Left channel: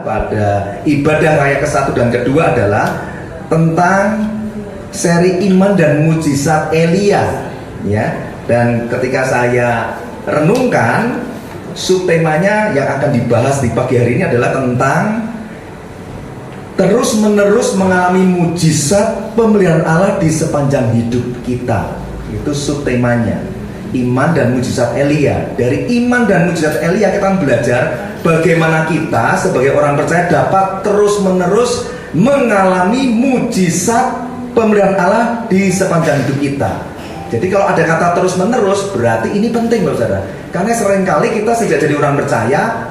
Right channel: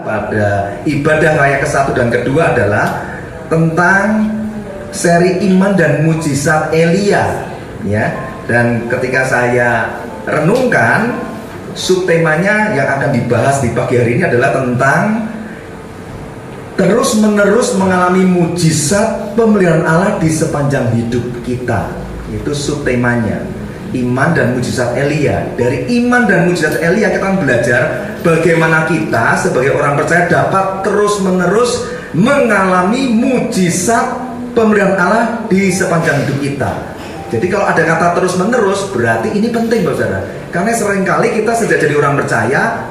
Pada ibadah raya ke-1 dan ke-2 adalah tentang seri iman dan mujizat Elia, ya. Dan ketika saya renungkan, subtemanya yang akan dibahas di pagi hari ini adalah tentang terus-menerus mengalami mujizat pemeliharaan Allah di sepanjang hidup kita. Itu subtemanya, iman dan mujizat Elia. Dari iman dan mujizat Elia kita akan belajar bagaimana kita sebagai orang percaya dapat terus-menerus mengalami mujizat pemeliharaan Allah di sepanjang hidup kita. Jadi kalau ada kata terus-menerus, berarti ini penting, Bapak Saudara. Karena seringkali kita sejak jadi orang percaya,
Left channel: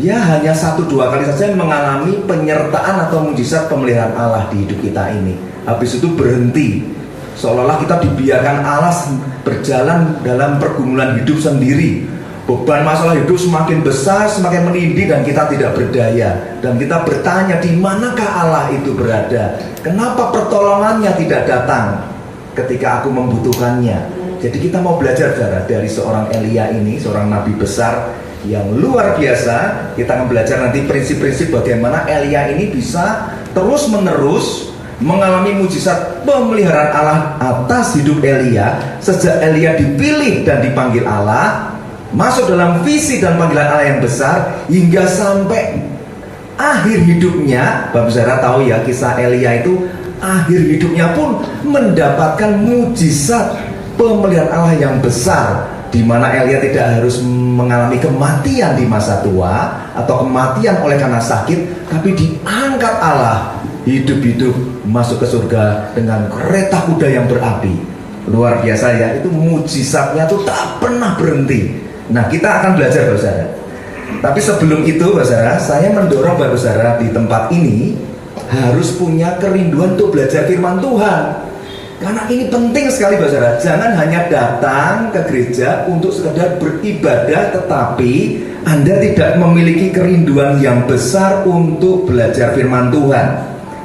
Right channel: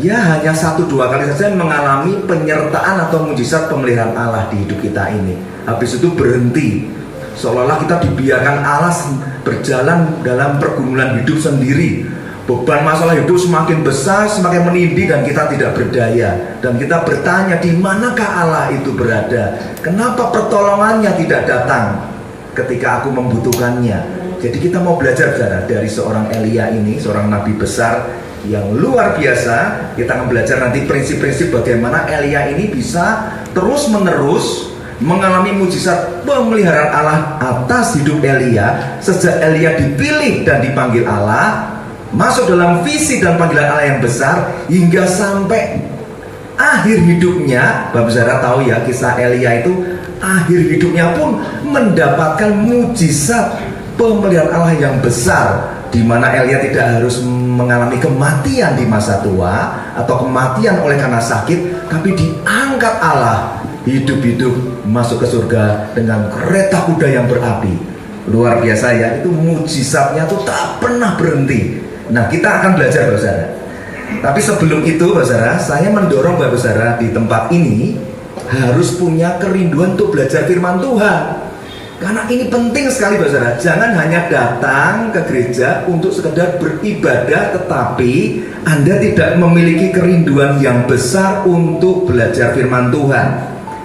ya hanya 1-2 kali saja mengalami penyertaan atau mujizat pemeliharaan Allah di hidup kita ini. Habis itu berhenti, seolah-olah kita dibiarkan Allah berjalan dalam pergumulan hidup sendiri. Beban masalah hidup semakin besar, semakin menindih, dan kita tidak berdaya. Dan kita bertanya, di manakah Allah itu berada? Kenapa pertolongannya tidak datang ketika aku membutuhkannya? Jadi kita mau belajar, saudara, dari seorang Elia ini, seorang nabi besar yang luar biasa. Kita akan belajar nanti prinsip-prinsip bagaimana Elia ini bisa terus-menerus mengalami mujizat pemeliharaan Allah atas hidup Elia. Sejak Elia dipilih dan dipanggil Allah, masuk dalam visi dan panggilan Allah yang besar, hingga sampai akhir hidupnya. Bapak Saudara tahu ya, kisah Elia itu akhir hidupnya pun mendapatkan mujizat pemeliharaan Allah yang besar, di mana Elia tidak harus mengalami kematian di masa tua atau kematian oleh karena sakit, tapi diangkat Allah hidup-hidup masuk ke surga dengan kereta kuda yang berapi. Luar biasa ya, itu mujizatnya tuh tak pernah berhenti. Nah, kita akan belajar, Bapak Saudara. Tapi sebelum itu, Bapak Saudara, saya mendorong Bapak Saudara di tempat ini harus punya kerinduan untuk belajar firman Tuhan. Karena ini penting sekali, Bapak Saudara. Jangan hanya datang ke gereja untuk sekedar beribadah, tetapi Anda tidak memiliki kerinduan yang besar untuk belajar firman Tuhan.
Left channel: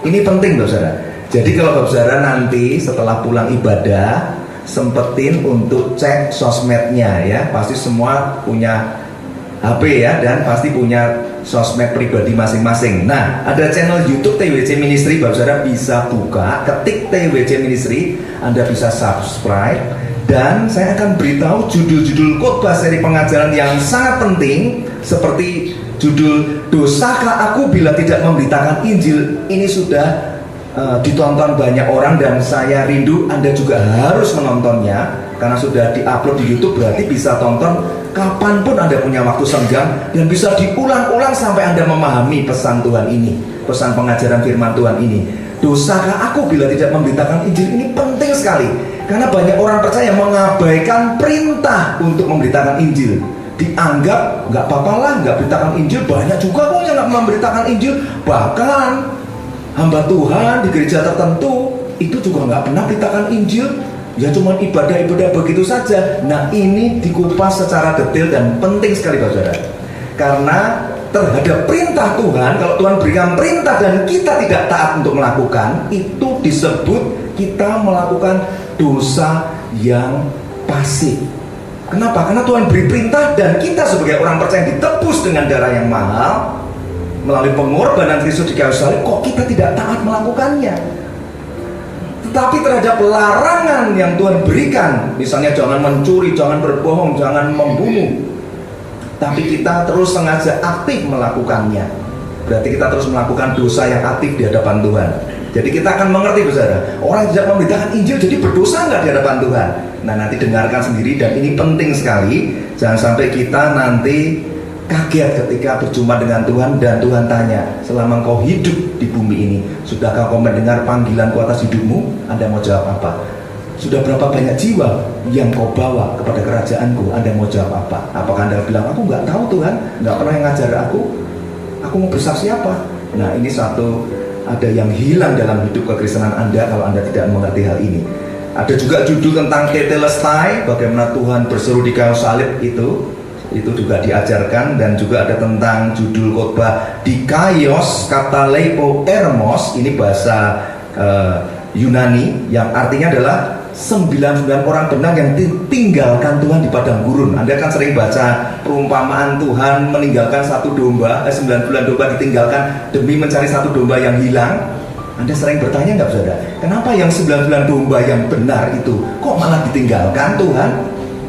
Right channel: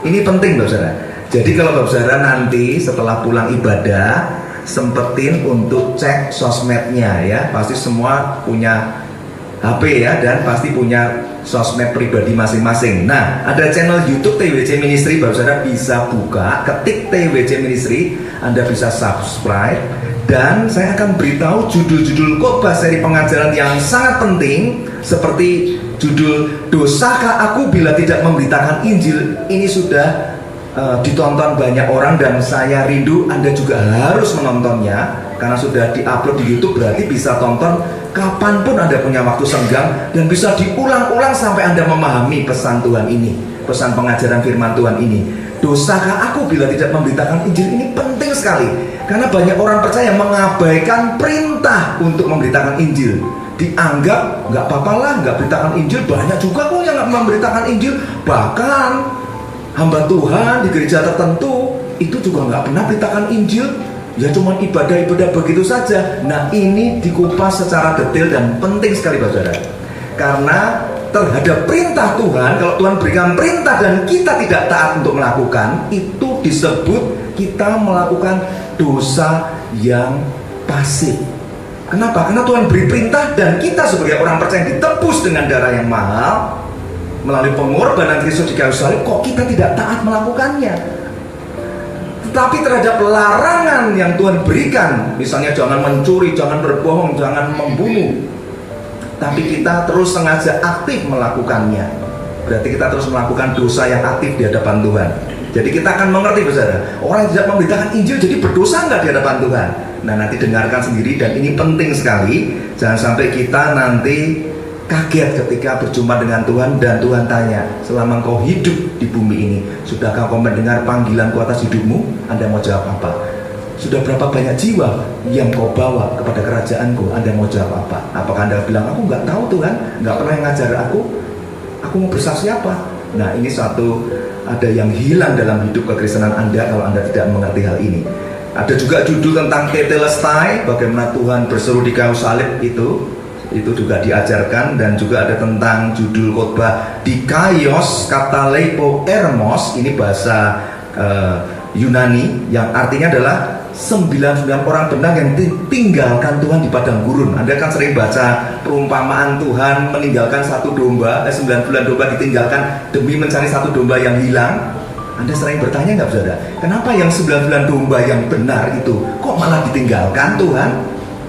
Ini penting, Bapak Saudara. Jadi kalau Bapak Saudara nanti setelah pulang ibadah, sempetin untuk cek sosmednya ya. Pasti semua punya HP ya, dan pasti punya sosmed pribadi masing-masing. Nah, ada channel YouTube TWC Ministry, Bapak Saudara bisa buka, ketik TWC Ministry, Anda bisa subscribe. Dan saya akan beritahu judul-judul khotbah seri pengajaran yang sangat penting, seperti judul "Dosakah aku bila tidak memberitakan Injil?" Ini sudah ditonton banyak orang, dan saya rindu Anda juga harus menontonnya, karena sudah diupload di YouTube. Berarti bisa tonton kapanpun Anda punya waktu senggang, dan bisa diulang-ulang sampai Anda memahami pesan Tuhan ini, pesan pengajaran firman Tuhan ini. Dosakah aku bila tidak memberitakan Injil? Ini penting sekali, karena banyak orang percaya mengabaikan perintah untuk memberitakan Injil. Dianggap nggak apa-apa lah, nggak beritakan Injil. Banyak juga kok yang nggak memberitakan Injil. Bahkan hamba Tuhan di gereja tertentu itu juga nggak pernah beritakan Injil, ya cuma ibadah-ibadah begitu saja. Nah, ini dikupas secara detail dan penting sekali, Bapak Saudara. Karena terhadap perintah Tuhan, kalau Tuhan berikan perintah dan kita tidak taat untuk melakukan, itu disebut kita melakukan dosa yang pasif. Kenapa? Karena Tuhan beri perintah, dan kita sebagai orang percaya yang ditebus dengan darah yang mahal melalui pengorbanan Kristus di kayu salib, kok kita tidak taat melakukannya. Tetapi terhadap larangan yang Tuhan berikan, misalnya jangan mencuri, jangan berbohong, jangan membunuh, tapi kita terus sengaja aktif melakukannya, berarti kita terus melakukan dosa yang aktif di hadapan Tuhan. Jadi kita akan mengerti, saudara, orang yang tidak memberitakan Injil jadi berdosa nggak di hadapan Tuhan? Nah, nanti dengarkan sendiri, dan ini penting sekali. Jangan sampai kita nanti kaget ketika berjumpa dengan Tuhan, dan Tuhan tanya, selama kau hidup di bumi ini, sudahkah kau mendengar panggilanku atas hidupmu? Anda mau jawab apa? Sudah berapa banyak jiwa yang kau bawa kepada kerajaanku? Anda mau jawab apa? Apakah Anda bilang, aku nggak tahu Tuhan, nggak pernah yang ngajar aku mau bersaksi apa? Nah, ini ada yang hilang dalam hidup kekristenan Anda kalau Anda tidak mengerti hal ini. Ada juga judul tentang tetelestai, bagaimana Tuhan berseru di kayu salib, itu juga diajarkan. Dan juga ada tentang judul khotbah dikaios katalepo ermos, ini bahasa Yunani yang artinya adalah 99 orang benar yang ditinggalkan Tuhan di padang gurun. Anda kan sering baca perumpamaan Tuhan meninggalkan 9 domba ditinggalkan demi mencari 1 domba yang hilang. Anda sering bertanya nggak saudara, kenapa yang 99 domba yang benar itu kok malah ditinggalkan Tuhan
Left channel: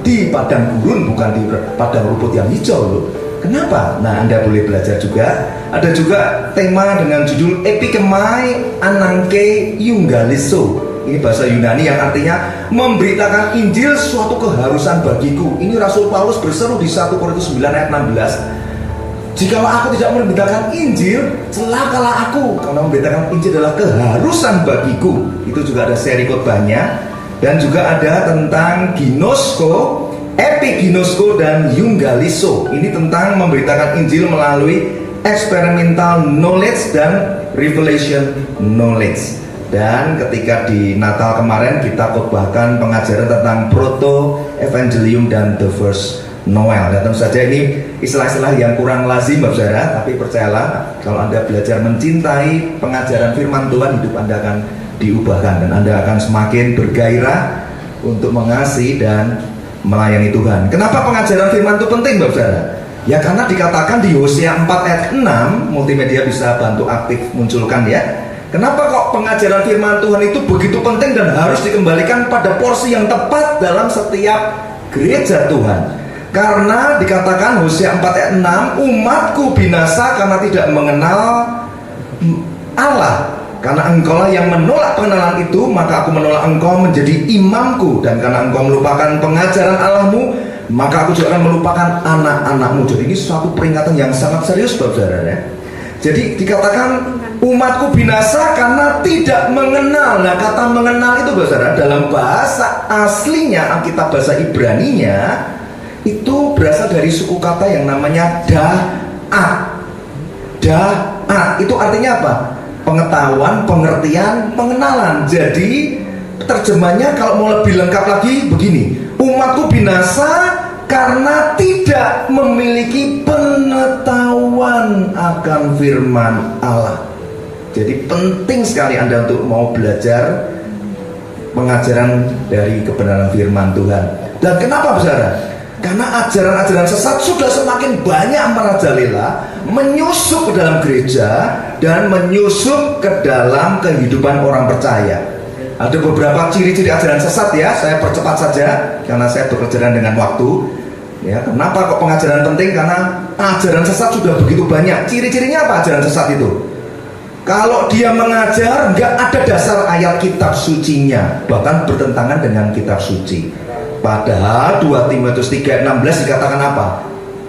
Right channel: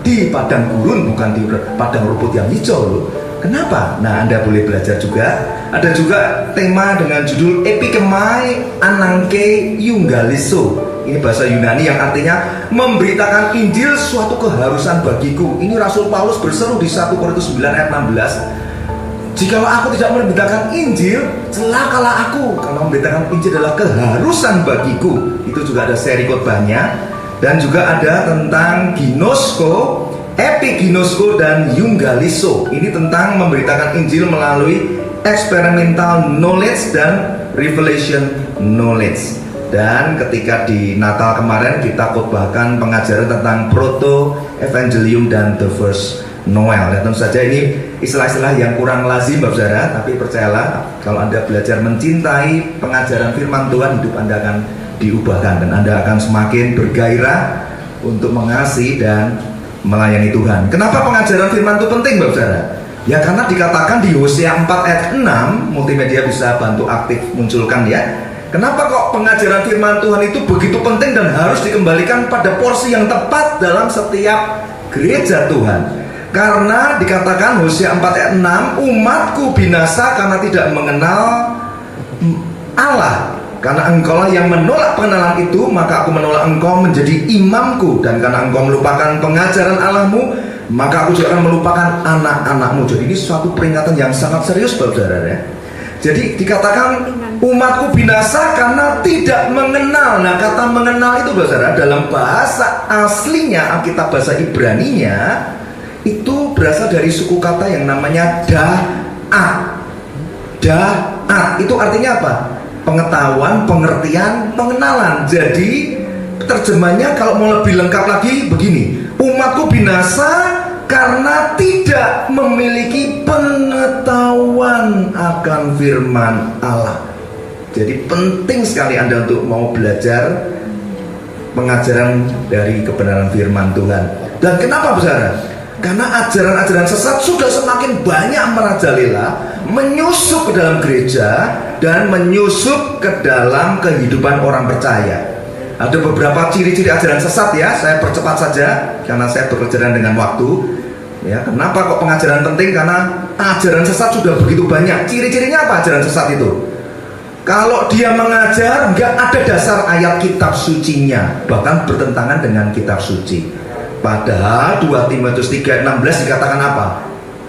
di padang gurun, bukan di padang rumput yang hijau loh? Kenapa? Nah, Anda boleh belajar juga. Ada juga tema dengan judul Epikemai Ananke Euangelizo. Ini bahasa Yunani yang artinya memberitakan Injil suatu keharusan bagiku. Ini Rasul Paulus berseru di 1 Korintus 9 ayat 16. Jikalau aku tidak memberitakan Injil, celakalah aku, karena memberitakan Injil adalah keharusan bagiku. Itu juga ada seri khotbahnya. Dan juga ada tentang ginosko, epiginosko, dan euangelizo. Ini tentang memberitakan Injil melalui experimental knowledge dan revelation knowledge. Dan ketika di Natal kemarin kita khotbahkan pengajaran tentang proto evangelium dan the first Noel. Dan tentu saja ini istilah-istilah yang kurang lazim Bapak Saudara, tapi percayalah kalau Anda belajar mencintai pengajaran firman Tuhan, hidup Anda akan diubahkan dan Anda akan semakin bergairah untuk mengasihi dan melayani Tuhan. Kenapa pengajaran firman itu penting Bapak Saudara? Ya karena dikatakan di Hosea 4 ayat 6, multimedia bisa bantu aktif munculkan ya. Kenapa kok pengajaran firman Tuhan itu begitu penting dan harus dikembalikan pada porsi yang tepat dalam setiap gereja Tuhan? Karena dikatakan Hosea 4 ayat 6, umatku binasa karena tidak mengenal Allah. Karena engkaulah yang menolak pengenalan itu, maka aku menolak engkau menjadi imamku. Dan karena engkau melupakan pengajaran Allahmu, maka aku juga akan melupakan anak-anakmu. Jadi ini suatu peringatan yang sangat serius Bapak Saudara. Jadi dikatakan umatku binasa karena tidak mengenal. Nah, kata mengenal itu Bapak Saudara dalam bahasa aslinya Alkitab bahasa Ibraninya itu berasal dari suku kata yang namanya da'at. Da'at itu artinya apa? Pengetahuan, pengertian, pengenalan. Jadi terjemahnya kalau mau lebih lengkap lagi begini, umatku binasa karena tidak memiliki pengetahuan akan firman Allah. Jadi penting sekali Anda untuk mau belajar pengajaran dari kebenaran firman Tuhan. Dan kenapa saudara? Karena ajaran-ajaran sesat sudah semakin banyak merajalela, menyusup ke dalam gereja dan menyusup ke dalam kehidupan orang percaya. Ada beberapa ciri-ciri ajaran sesat ya, saya percepat saja karena saya bekerja dengan waktu. Ya, kenapa kok pengajaran penting? Karena ajaran sesat sudah begitu banyak. Ciri-cirinya apa ajaran sesat itu? Kalau dia mengajar nggak ada dasar ayat kitab sucinya, bahkan bertentangan dengan kitab suci. Padahal 2 Timotius 3:16 dikatakan apa?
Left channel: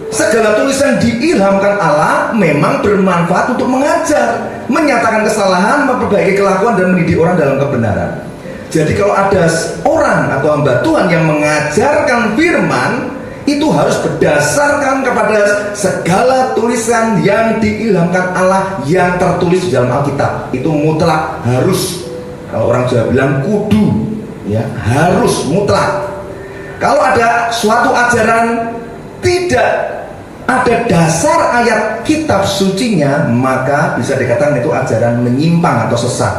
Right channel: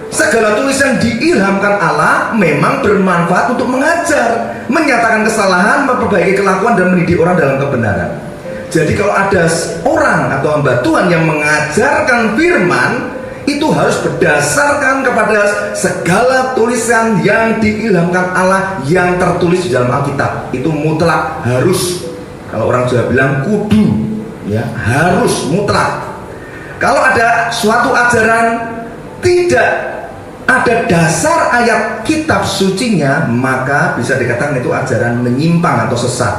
Segala tulisan diilhamkan Allah memang bermanfaat untuk mengajar, menyatakan kesalahan, memperbaiki kelakuan dan mendidik orang dalam kebenaran. Jadi kalau ada orang atau hamba Tuhan yang mengajarkan firman, itu harus berdasarkan kepada segala tulisan yang diilhamkan Allah yang tertulis di dalam Alkitab. Itu mutlak, harus. Kalau orang Jawa bilang kudu, ya, harus mutlak. Kalau ada suatu ajaran tidak ada dasar ayat kitab sucinya, maka bisa dikatakan itu ajaran menyimpang atau sesat.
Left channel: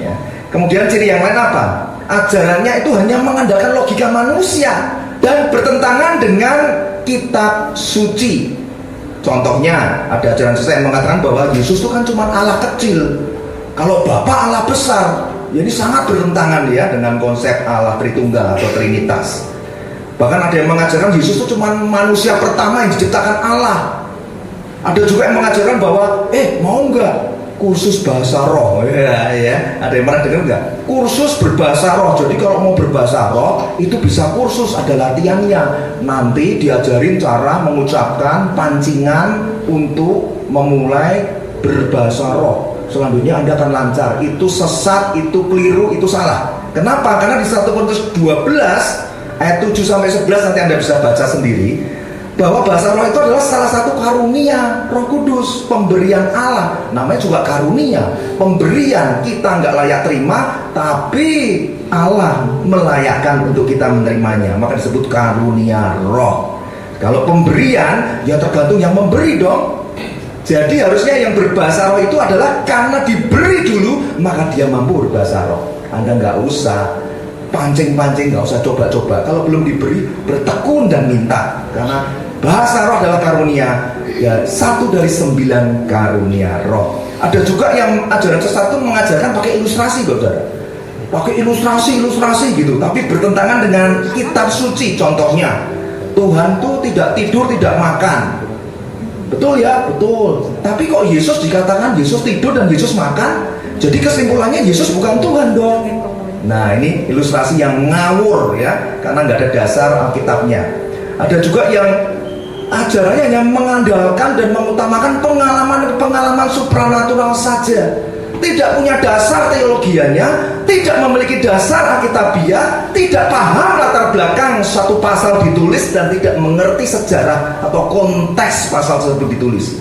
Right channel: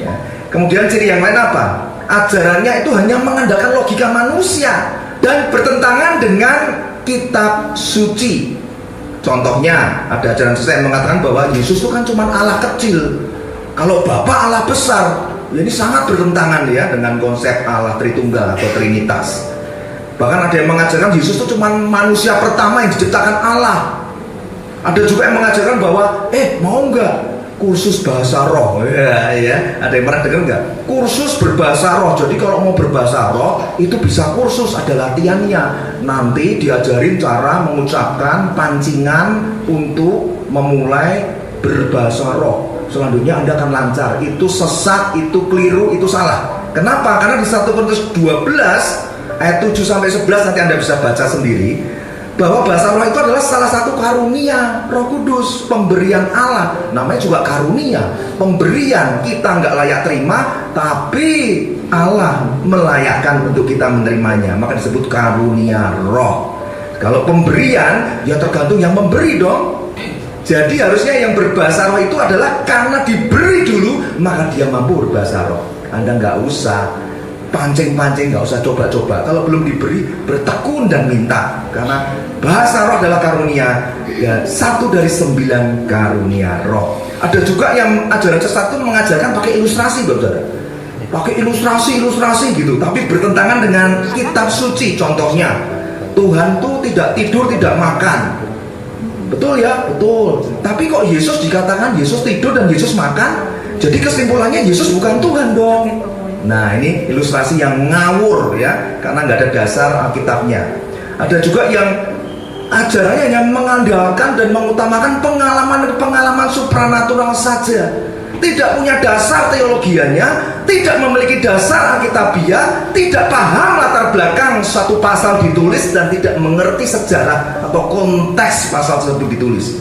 Ya. Kemudian ciri yang lain apa? Ajarannya itu hanya mengandalkan logika manusia dan bertentangan dengan kitab suci. Contohnya ada ajaran sesat yang mengatakan bahwa Yesus itu kan cuma Allah kecil, kalau Bapa Allah besar. Ini sangat bertentangan ya dengan konsep Allah Tritunggal atau Trinitas. Bahkan ada yang mengajarkan Yesus itu cuma manusia pertama yang diciptakan Allah. Ada juga yang mengajarkan bahwa mau nggak kursus bahasa roh? Ya. Ada yang pernah dengar nggak? Kursus berbahasa roh. Jadi kalau mau berbahasa roh itu bisa kursus, ada latihannya. Nanti diajarin cara mengucapkan pancingan untuk memulai berbahasa roh. Selanjutnya Anda akan lancar. Itu sesat, itu keliru, itu salah. Kenapa? Karena di 1 Korintus 12 ayat 7-11 nanti Anda bisa baca sendiri, bahwa bahasa roh itu adalah salah satu karunia Roh Kudus, pemberian Allah. Namanya juga karunia, pemberian. Kita nggak layak terima, tapi Allah melayakkan untuk kita menerimanya, maka disebut karunia roh. Kalau pemberian, ya tergantung yang memberi dong. Jadi harusnya yang berbahasa roh itu adalah karena diberi dulu, maka dia mampu berbahasa roh. Anda nggak usah pancing-pancing, nggak usah coba-coba. Kalau belum diberi, bertekun dan minta. Karena bahasa roh adalah karunia, ya 1 dari 9 karunia roh. Ada juga yang ajaran sesat itu mengajarkan pakai ilustrasi, saudara. Pakai ilustrasi gitu, tapi bertentangan dengan kitab suci. Contohnya, Tuhan tuh tidak tidur, tidak makan. Betul ya? Betul. Tapi kok Yesus dikatakan Yesus tidur dan Yesus makan? Jadi kesimpulannya Yesus bukan Tuhan dong. Nah, ini ilustrasi yang ngawur ya, karena nggak ada dasar Alkitabnya. Ada juga yang ajarannya yang mengandalkan dan mengutamakan pengalaman supranatural saja. Tidak punya dasar teologianya, tidak memiliki dasar Alkitabiah, tidak paham latar belakang suatu pasal ditulis, dan tidak mengerti sejarah atau konteks pasal tersebut ditulis.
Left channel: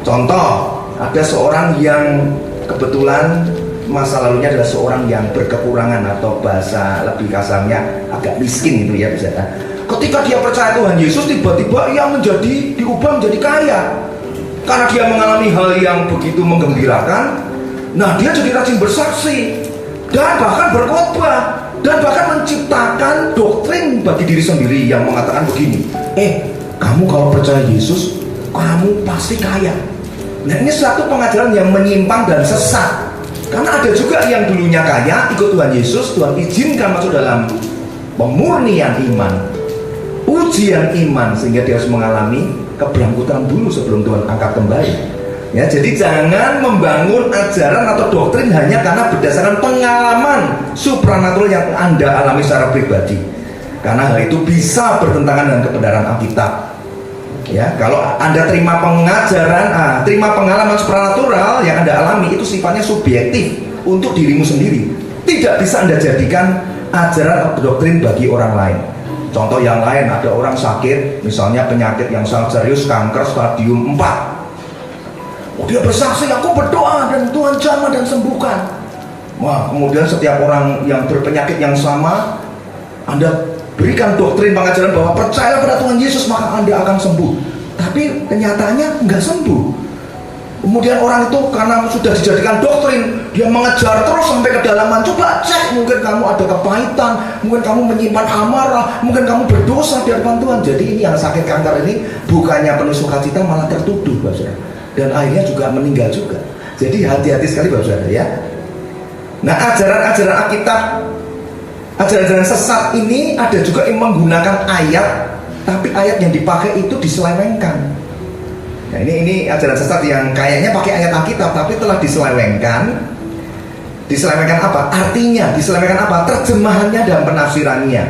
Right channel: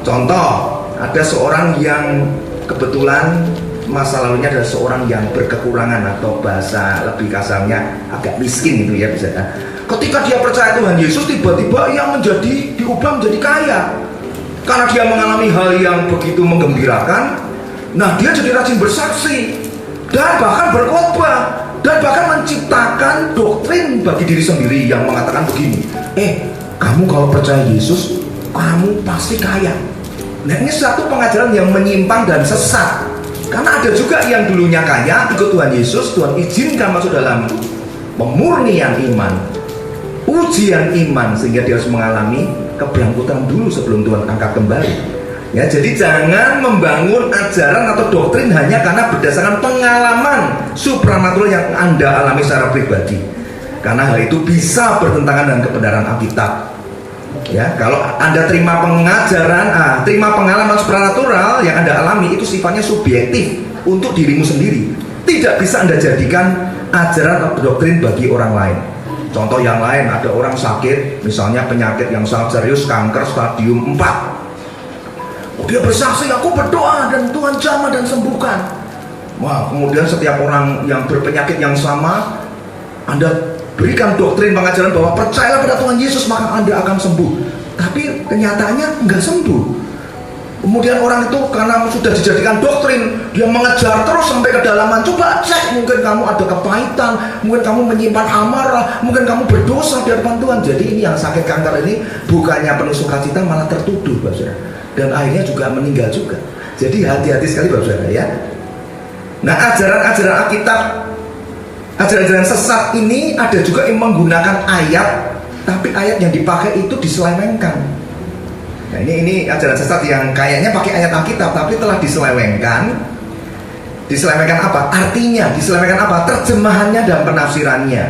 Contoh, ada seorang yang kebetulan masa lalunya adalah seorang yang berkekurangan, atau bahasa lebih kasarnya agak miskin gitu ya bisa. Ketika dia percaya Tuhan Yesus, tiba-tiba ia diubah menjadi kaya karena dia mengalami hal yang begitu menggembirakan. Nah, dia jadi rajin bersaksi dan bahkan berkhotbah dan bahkan menciptakan doktrin bagi diri sendiri yang mengatakan begini, kamu kalau percaya Yesus, kamu pasti kaya. Nah, ini satu pengajaran yang menyimpang dan sesat. Karena ada juga yang dulunya kaya, ikut Tuhan Yesus, Tuhan izinkan masuk dalam pemurnian iman, ujian iman, sehingga dia harus mengalami keberangkutan dulu sebelum Tuhan angkat kembali. Ya, jadi jangan membangun ajaran atau doktrin hanya karena berdasarkan pengalaman supranatural yang Anda alami secara pribadi. Karena hal itu bisa bertentangan dengan kebenaran Alkitab. Ya, kalau Anda terima pengalaman supranatural yang Anda alami, itu sifatnya subjektif untuk dirimu sendiri. Tidak bisa Anda jadikan ajaran atau doktrin bagi orang lain. Contoh yang lain, ada orang sakit, misalnya penyakit yang sangat serius, kanker stadium 4. Dia bersaksi, aku berdoa dan Tuhan jamah dan sembuhkan. Wah, kemudian setiap orang yang berpenyakit yang sama, Anda berikan doktrin pengajaran bahwa percayalah pada Tuhan Yesus maka Anda akan sembuh. Tapi kenyataannya nggak sembuh. Kemudian orang itu karena sudah dijadikan doktrin, dia mengejar terus sampai kedalaman. Coba cek, mungkin kamu ada kepahitan, mungkin kamu menyimpan amarah, mungkin kamu berdosa di hadapan Tuhan. Jadi ini yang sakit kanker ini bukannya penuh sukacita, malah tertuduh, Saudara. Dan akhirnya juga meninggal juga. Jadi hati-hati sekali, Bapak Saudara ya. Nah, ajaran-ajaran Alkitab, ajaran-ajaran sesat ini ada juga yang menggunakan ayat, tapi ayat yang dipakai itu diselewengkan. Nah, ini ajaran sesat yang kayaknya pakai ayat Alkitab tapi telah diselewengkan. Diselewengkan apa? Artinya, diselewengkan apa? Terjemahannya dan penafsirannya.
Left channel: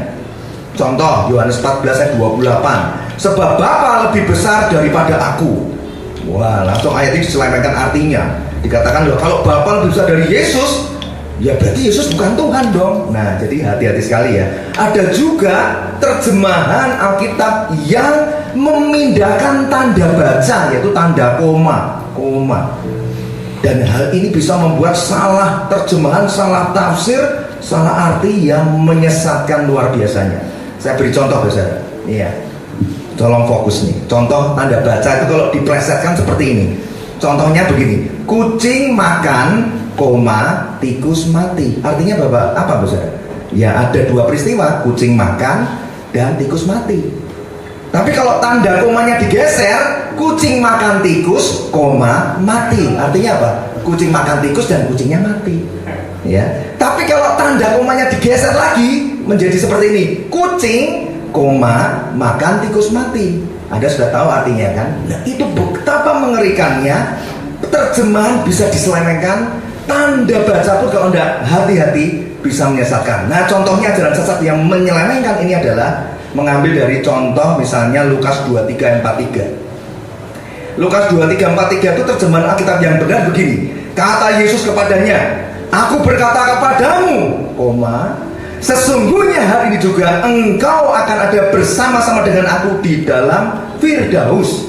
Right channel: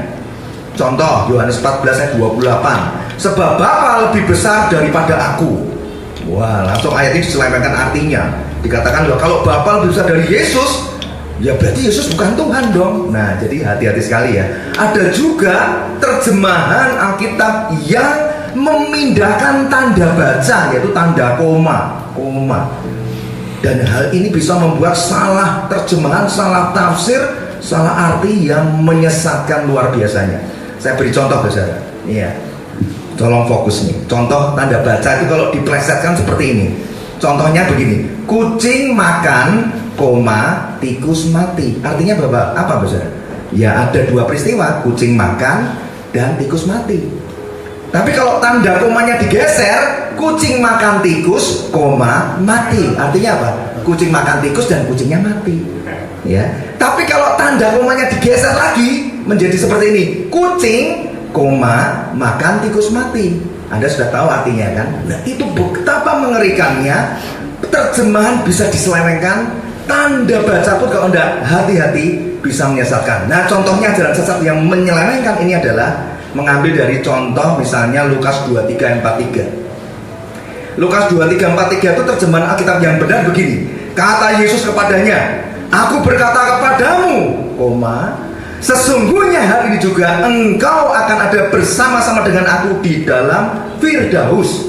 Contoh, Yohanes 14 ayat 28. Sebab Bapa lebih besar daripada aku. Wah, langsung ayat ini diselewengkan artinya. Dikatakan, kalau Bapa lebih besar dari Yesus, ya berarti Yesus bukan Tuhan dong. Nah, jadi hati-hati sekali ya. Ada juga terjemahan Alkitab yang memindahkan tanda baca, yaitu tanda koma. Dan hal ini bisa membuat salah terjemahan, salah tafsir, salah arti yang menyesatkan luar biasanya. Saya beri contoh, Saudara. Iya. Tolong fokus nih. Contoh tanda baca itu kalau diplesetkan seperti ini. Contohnya begini, kucing makan, tikus mati. Artinya apa, Saudara? Ya, ada dua peristiwa, kucing makan dan tikus mati. Tapi kalau tanda komanya digeser, kucing makan tikus, mati. Artinya apa? Kucing makan tikus dan kucingnya mati. Ya. Tapi kalau tanda komanya digeser lagi menjadi seperti ini, kucing, makan tikus mati. Anda sudah tahu artinya kan? Nah, itu betapa mengerikannya. Terjemahan bisa diselewengkan, tanda baca pun kalau Anda hati-hati bisa menyesatkan. Nah, contohnya ajaran sesat yang menyelewengkan ini adalah mengambil dari contoh misalnya Lukas 23:43. Lukas 23:43 itu terjemahan Alkitab yang benar begini. Kata Yesus kepadanya, aku berkata kepadamu, sesungguhnya hari ini juga engkau akan ada bersama-sama dengan aku di dalam Firdaus.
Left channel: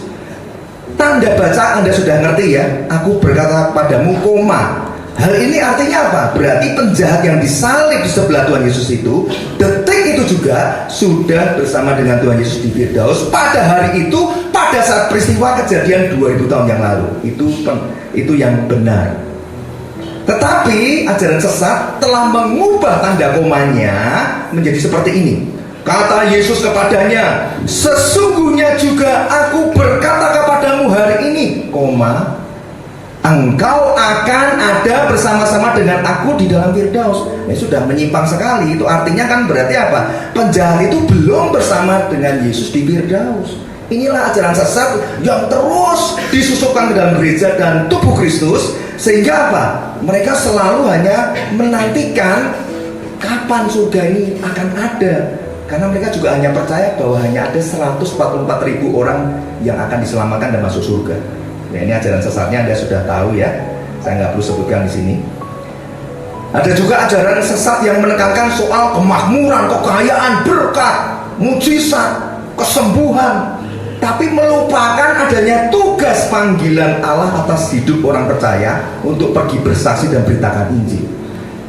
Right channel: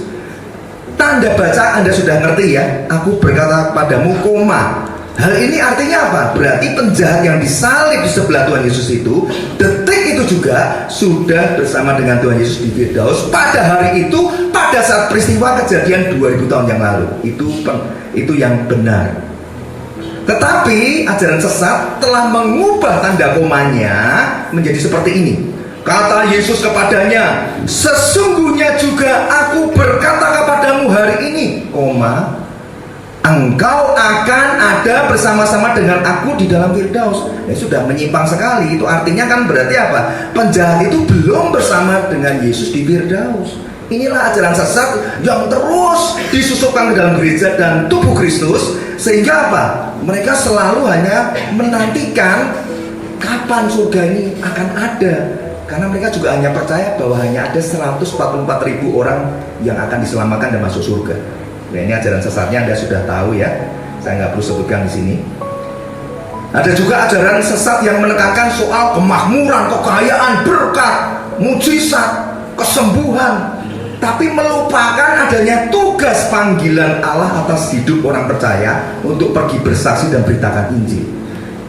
Tanda baca Anda sudah ngerti ya. Aku berkata kepadamu, hal ini artinya apa? Berarti penjahat yang disalib di sebelah Tuhan Yesus itu, detik itu juga sudah bersama dengan Tuhan Yesus di Firdaus pada hari itu, pada saat peristiwa kejadian 2000 tahun yang lalu. Itu yang benar. Tetapi ajaran sesat telah mengubah tanda komanya menjadi seperti ini. Kata Yesus kepadanya, sesungguhnya juga aku berkata kepadamu hari ini, engkau akan ada bersama-sama dengan aku di dalam Firdaus. Sudah menyimpang sekali. Itu artinya kan berarti apa? Penjahat itu belum bersama dengan Yesus di Firdaus. Inilah ajaran sesat yang terus disusupkan ke dalam gereja dan tubuh Kristus. Sehingga apa? Mereka selalu hanya menantikan kapan surga ini akan ada. Karena mereka juga hanya percaya bahwa hanya ada 144.000 orang yang akan diselamatkan dan masuk surga. Nah, ini ajaran sesatnya Anda sudah tahu ya. Saya nggak perlu sebutkan di sini. Ada juga ajaran sesat yang menekankan soal kemakmuran, kekayaan, berkat, mujizat, kesembuhan, tapi melupakan adanya tugas panggilan Allah atas hidup orang percaya untuk pergi bersaksi dan beritakan Injil.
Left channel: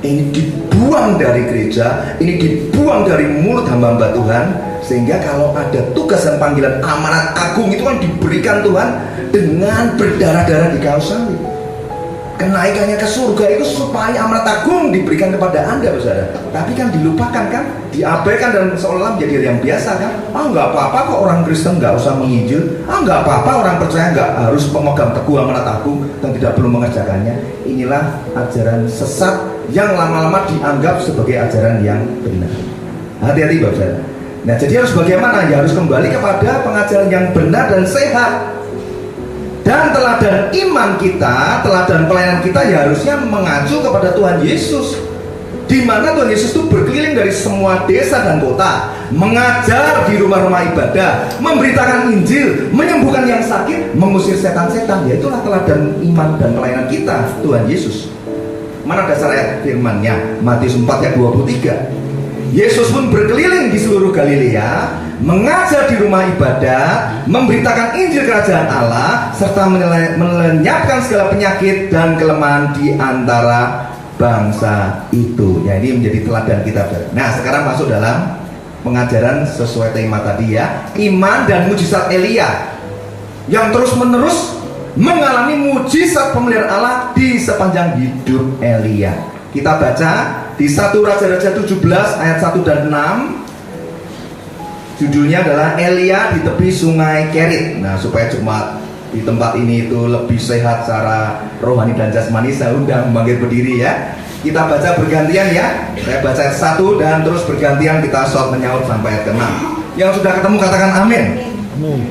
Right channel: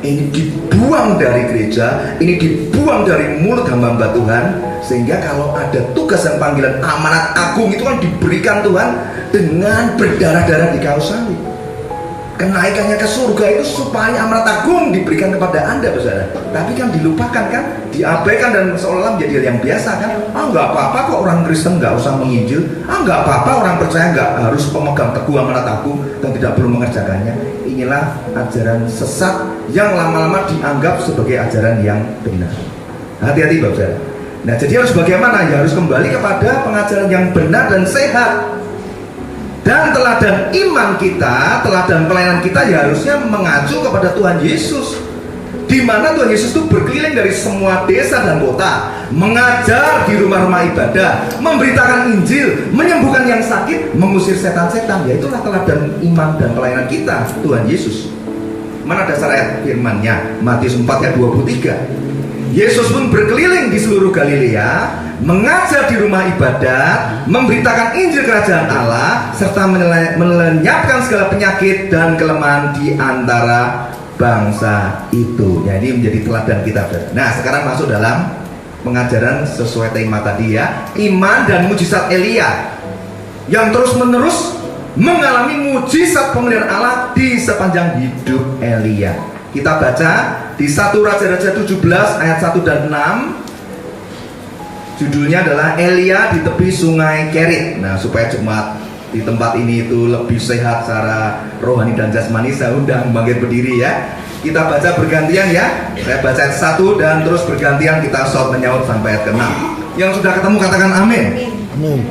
Ini dibuang dari gereja, ini dibuang dari mulut hamba-hamba Tuhan, sehingga kalau ada tugas dan panggilan amanat agung itu kan diberikan Tuhan dengan berdarah-darah di kayu salib. Kenaikannya ke surga itu supaya amanat agung diberikan kepada Anda, saudara. Tapi kan dilupakan kan, diabaikan dan seolah menjadi hal yang biasa kan. Nggak apa-apa kok orang Kristen nggak usah menginjil. Nggak apa-apa orang percaya nggak harus pemegang teguh amanat agung dan tidak perlu mengerjakannya. Inilah ajaran sesat yang lama-lama dianggap sebagai ajaran yang benar. Hati-hati Bapak saudara. Nah, jadi harus bagaimana? Ya harus kembali kepada pengajaran yang benar dan sehat. Dan teladan iman kita, teladan pelayanan kita ya harusnya mengacu kepada Tuhan Yesus. Di mana Tuhan Yesus itu berkeliling dari semua desa dan kota, mengajar di rumah-rumah ibadah, memberitakan Injil, menyembuhkan yang sakit, mengusir setan-setan. Ya itulah teladan iman dan pelayanan kita, Tuhan Yesus. Mana dasar ayat firman-Nya? Matius 4 ayat 23. Yesus pun berkeliling di seluruh Galilea, mengajar di rumah ibadat, memberitakan Injil Kerajaan Allah, serta melenyapkan segala penyakit dan kelemahan di antara bangsa itu. Ya, ini menjadi teladan kita. Nah, sekarang masuk dalam pengajaran sesuai tema tadi ya, iman dan mujizat Elia yang terus-menerus mengalami mujizat pemeliharaan Allah di sepanjang hidup Elia. Kita baca di 1 Raja-Raja 17 ayat 1 dan 6. Judulnya adalah Elia di tepi sungai Kerit. Nah, supaya jemaat di tempat ini itu lebih sehat secara rohani dan jasmani, saya undang bangkit berdiri ya. Kita baca bergantian ya. Saya baca ayat 1 dan terus bergantian kita shout menyaut sampai ayat ke-6. Yang sudah ketemu katakan amin. Amin.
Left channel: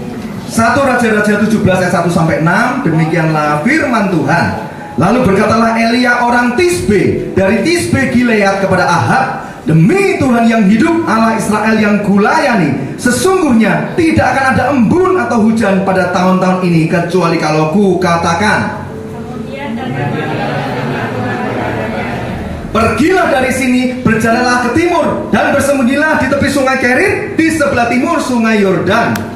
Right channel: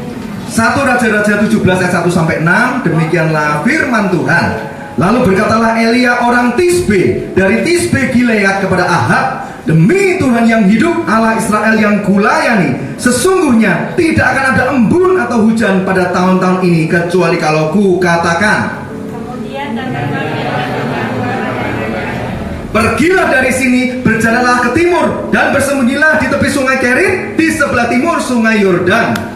1 Raja-Raja 17 ayat 1 sampai 6. Demikianlah firman Tuhan. Lalu berkatalah Elia orang Tisbe dari Tisbe Gilead kepada Ahab, demi Tuhan yang hidup, Allah Israel yang kulayani, sesungguhnya tidak akan ada embun atau hujan pada tahun-tahun ini kecuali kalau ku katakan. Pergilah dari sini, berjalanlah ke timur dan bersembunyilah di tepi sungai Kerit di sebelah timur sungai Yordan.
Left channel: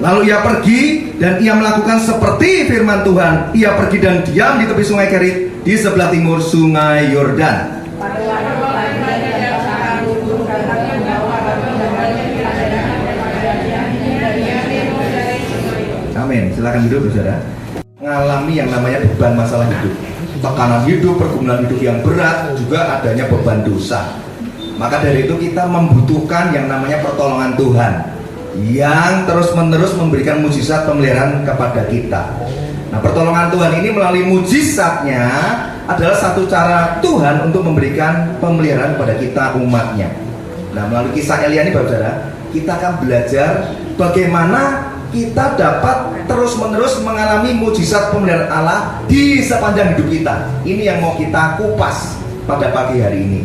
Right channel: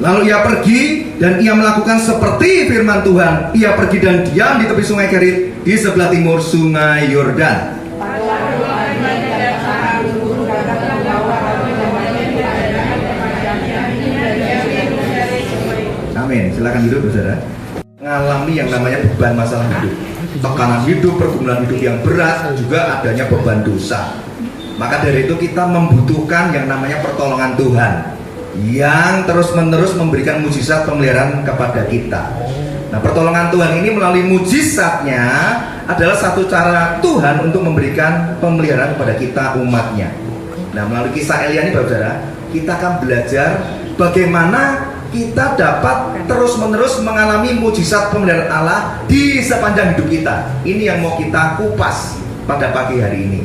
Lalu ia pergi dan ia melakukan seperti firman Tuhan. Ia pergi dan diam di tepi sungai Kerit di sebelah timur sungai Yordan. Amin. Silakan hidup saudara. Mengalami yang namanya beban masalah hidup, tekanan hidup, pergumulan hidup yang berat, juga adanya beban dosa. Maka dari itu kita membutuhkan yang namanya pertolongan Tuhan yang terus-menerus memberikan mujizat pemeliharaan kepada kita. Nah, pertolongan Tuhan ini melalui mujizatnya adalah satu cara Tuhan untuk memberikan pemeliharaan kepada kita umatnya. Nah, melalui kisah Elia ini saudara, kita akan belajar bagaimana kita dapat terus-menerus mengalami mujizat pemeliharaan Allah di sepanjang hidup kita. Ini yang mau kita kupas pada pagi hari ini.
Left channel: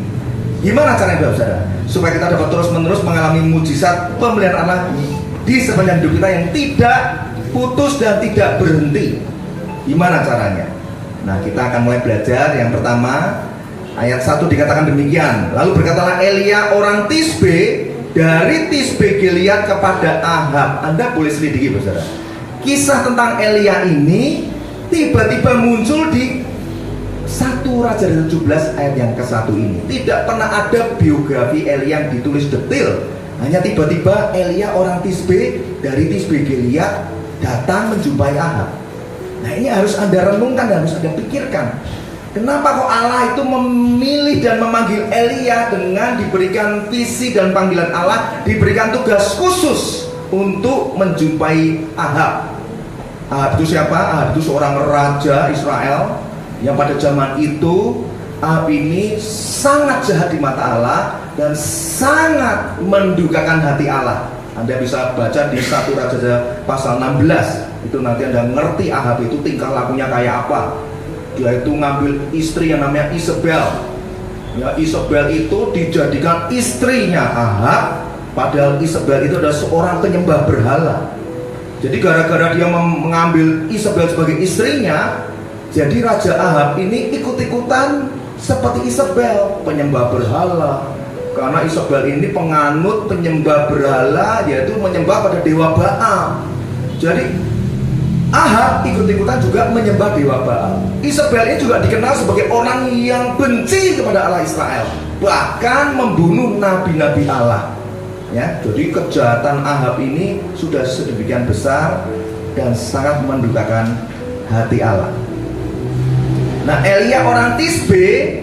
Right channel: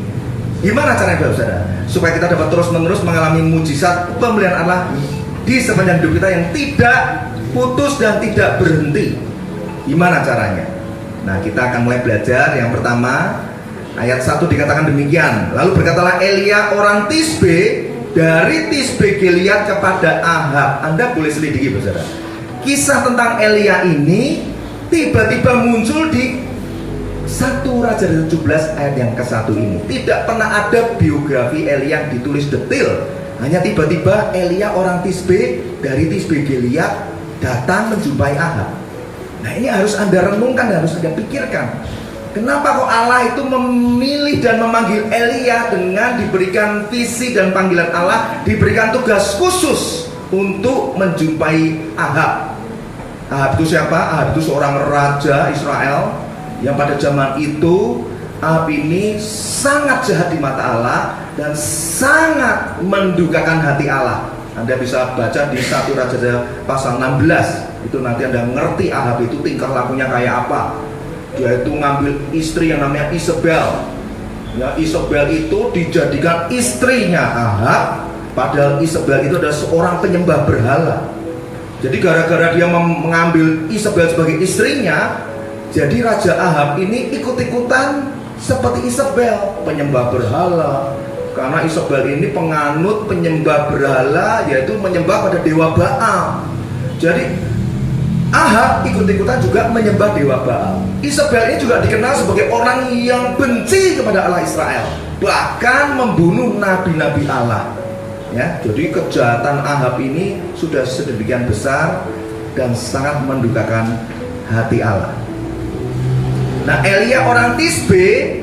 Gimana caranya saudara? Supaya kita dapat terus-menerus mengalami mujizat pemeliharaan Allah di sepanjang hidup kita yang tidak putus dan tidak berhenti. Gimana caranya? Nah, kita akan mulai belajar. Yang pertama, ayat 1 dikatakan demikian. Lalu berkatalah Elia orang Tisbe dari Tisbe Gilead kepada Ahab. Anda boleh selidiki saudara. Kisah tentang Elia ini tiba-tiba muncul di 1 Raja 17 ayat yang ke-1 ini. Tidak pernah ada biografi Elia yang ditulis detail Hanya tiba-tiba Elia orang Tisbe dari Tisbe Gilead datang menjumpai Ahab. Nah ini harus Anda renungkan, harus Anda pikirkan. Kenapa kok Allah itu memilih dan memanggil Elia dengan diberikan visi dan panggilan Allah, diberikan tugas khusus untuk menjumpai Ahab. Ahab itu siapa? Ahab itu seorang raja Israel yang pada zaman itu Ahab ini sangat jahat di mata Allah dan sangat mendukakan hati Allah. Anda bisa baca di 1 Raja pasal 16. Itu nanti Anda ngerti Ahab itu tingkah lakunya kayak apa. Dia itu ngambil istri yang namanya Isabel. Ya, Isabel itu dijadikan istrinya Ahab, padahal Isabel itu adalah seorang penyembah berhala. Jadi gara-gara dia mengambil Isabel sebagai istrinya, jadi Raja Ahab ini ikut-ikutan seperti Isabel, penyembah berhala. Karena Isabel ini penganut penyembah berhala, yaitu menyembah pada dewa Baal. Jadi Ahab ikut-ikutan juga menyembah dewa Baal. Isabel ini juga dikenal sebagai orang yang benci kepada Allah Israel, bahkan membunuh nabi-nabi Allah. Ya, jadi kejahatan Ahab ini sudah sedemikian besar dan sangat mendukakan hati Allah. Nah, Elia orang Tisbe,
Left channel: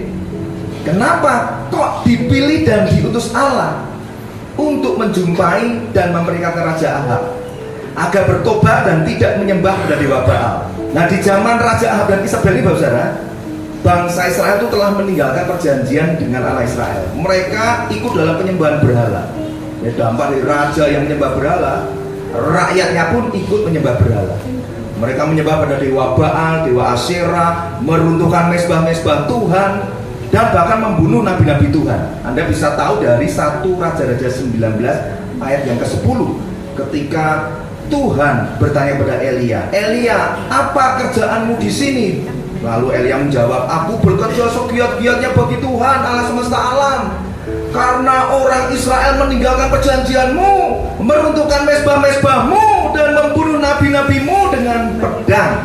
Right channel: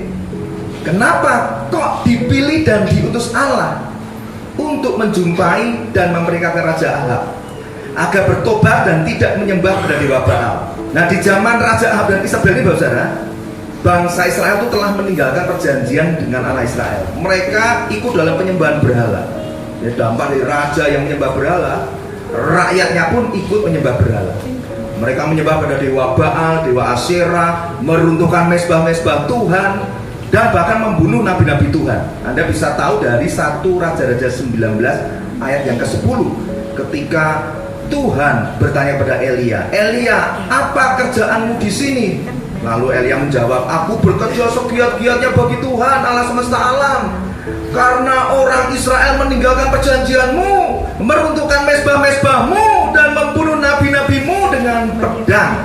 kenapa kok dipilih dan diutus Allah untuk menjumpai dan memperingatkan Raja Ahab agar bertobat dan tidak menyembah pada dewa Baal? Nah, di zaman Raja Ahab dan Isabel ini, saudara, bangsa Israel itu telah meninggalkan perjanjian dengan Allah Israel. Mereka ikut dalam penyembahan berhala. Ya, dampak dari raja yang menyembah berhala, rakyatnya pun ikut menyembah berhala. Mereka menyembah pada dewa Baal, dewa Asyera, meruntuhkan mezbah-mezbah Tuhan, dan bahkan membunuh nabi-nabi Tuhan. Anda bisa tahu dari 1 Raja-Raja 19 ayat yang ke-10, ketika Tuhan bertanya pada Elia, "Elia, apa kerjaanmu di sini?" Lalu Elia menjawab, "Aku bekerja segiat-giatnya bagi Tuhan Allah semesta alam. Karena orang Israel meninggalkan perjanjianmu, meruntuhkan mezbah-mezbahmu, dan membunuh nabi-nabimu dengan pedang."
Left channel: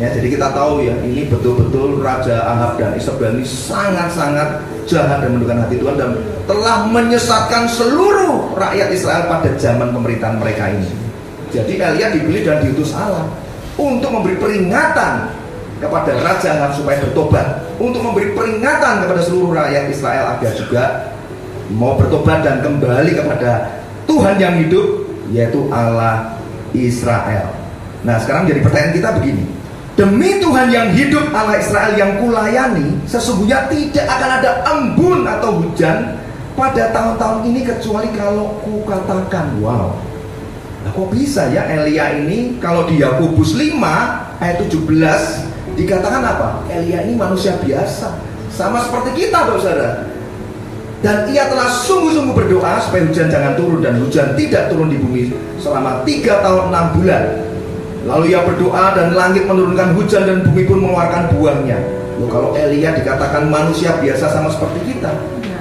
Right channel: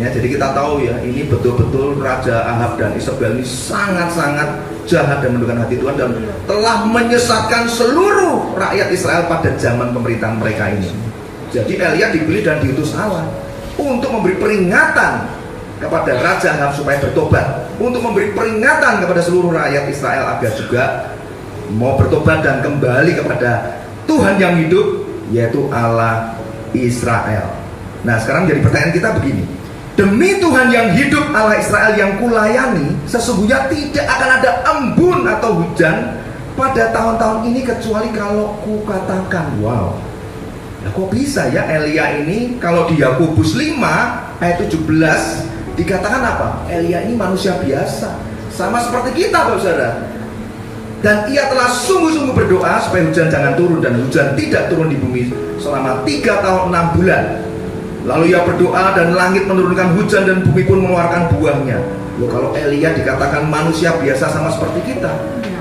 Ya, jadi kita tahu ya, ini betul-betul Raja Ahab dan Isabel ini sangat-sangat jahat dan mendukakan hati Tuhan, dan telah menyesatkan seluruh rakyat Israel pada zaman pemerintahan mereka ini. Jadi Elia dipilih dan diutus Allah untuk memberi peringatan kepada Raja Ahab supaya bertobat, untuk memberi peringatan kepada seluruh rakyat Israel agar juga mau bertobat dan kembali kepada Tuhan yang hidup, yaitu Allah Israel. Nah, sekarang jadi pertanyaan kita begini: demi Tuhan yang hidup, Allah Israel yang kulayani, sesungguhnya tidak akan ada embun atau hujan pada tahun-tahun ini kecuali kalau kukatakan. Wow, nah, kok bisa ya Elia ini? Kalau di Yakobus 5 ayat 17 dikatakan apa? Elia ini manusia biasa, sama seperti kita, Bapak Saudara. Dan ia telah sungguh-sungguh berdoa supaya hujan jangan turun, dan hujan tidak turun di bumi selama 3 tahun 6 bulan. Lalu ia berdoa dan langit menurunkan hujan dan bumi pun mengeluarkan buahnya. Loh, kalau Elia dikatakan manusia biasa sama seperti kita,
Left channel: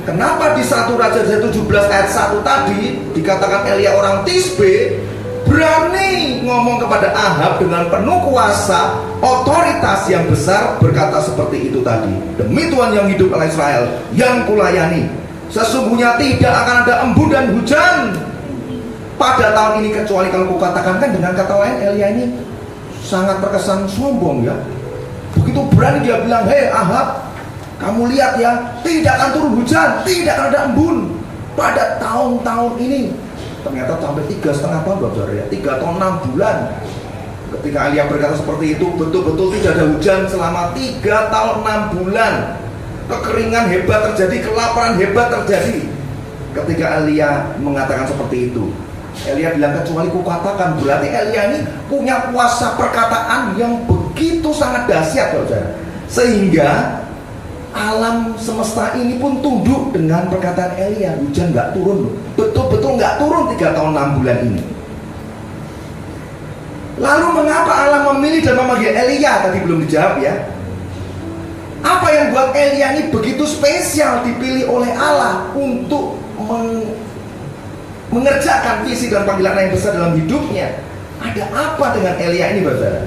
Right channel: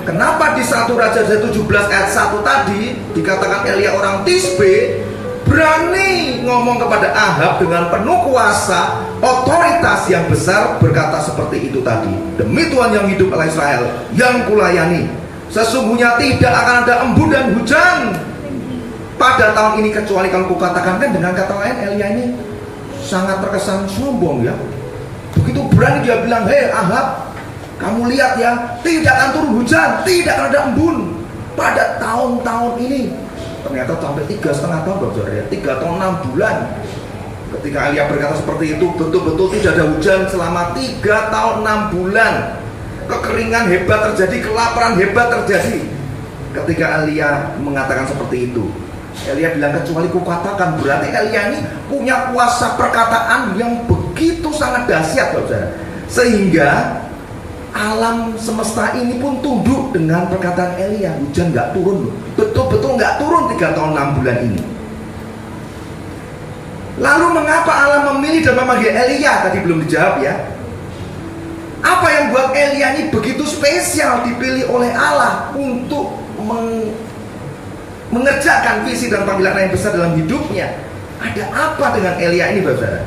kenapa di 1 Raja 17 ayat 1 tadi dikatakan Elia orang Tisbe berani ngomong kepada Ahab dengan penuh kuasa, otoritas yang besar, berkata seperti itu tadi? Demi Tuhan yang hidup, Allah Israel yang kulayani, sesungguhnya tidak akan ada embun dan hujan pada tahun ini kecuali kalau kukatakan. Kan dengan kata lain Elia ini sangat terkesan sombong ya. Begitu berani dia bilang, "Hei Ahab, kamu lihat ya, tidak akan turun hujan, tidak akan ada embun pada tahun-tahun ini." Ternyata sampai 3,5 tahun, Bapak ya, 3 tahun 6 bulan. Ketika Elia berkata seperti itu, betul-betul tidak ada hujan selama 3 tahun 6 bulan. Kekeringan hebat terjadi, kelaparan hebat terjadi. Ketika Elia mengatakan seperti itu, Elia bilang, "Kecuali kukatakan." Berarti Elia ini punya kuasa perkataan yang begitu sangat dahsyat, saudara, sehingga alam semesta ini pun tunduk dengan perkataan Elia. Hujan nggak turun, betul-betul nggak turun 3 tahun 6 bulan ini. Lalu mengapa Allah memilih dan memanggil Elia? Tadi belum dijawab ya. Apa yang buat Elia ini begitu spesial dipilih oleh Allah untuk mengerjakan visi dan panggilan yang besar dalam hidupnya? Ada apa dengan Elia ini, Bapak?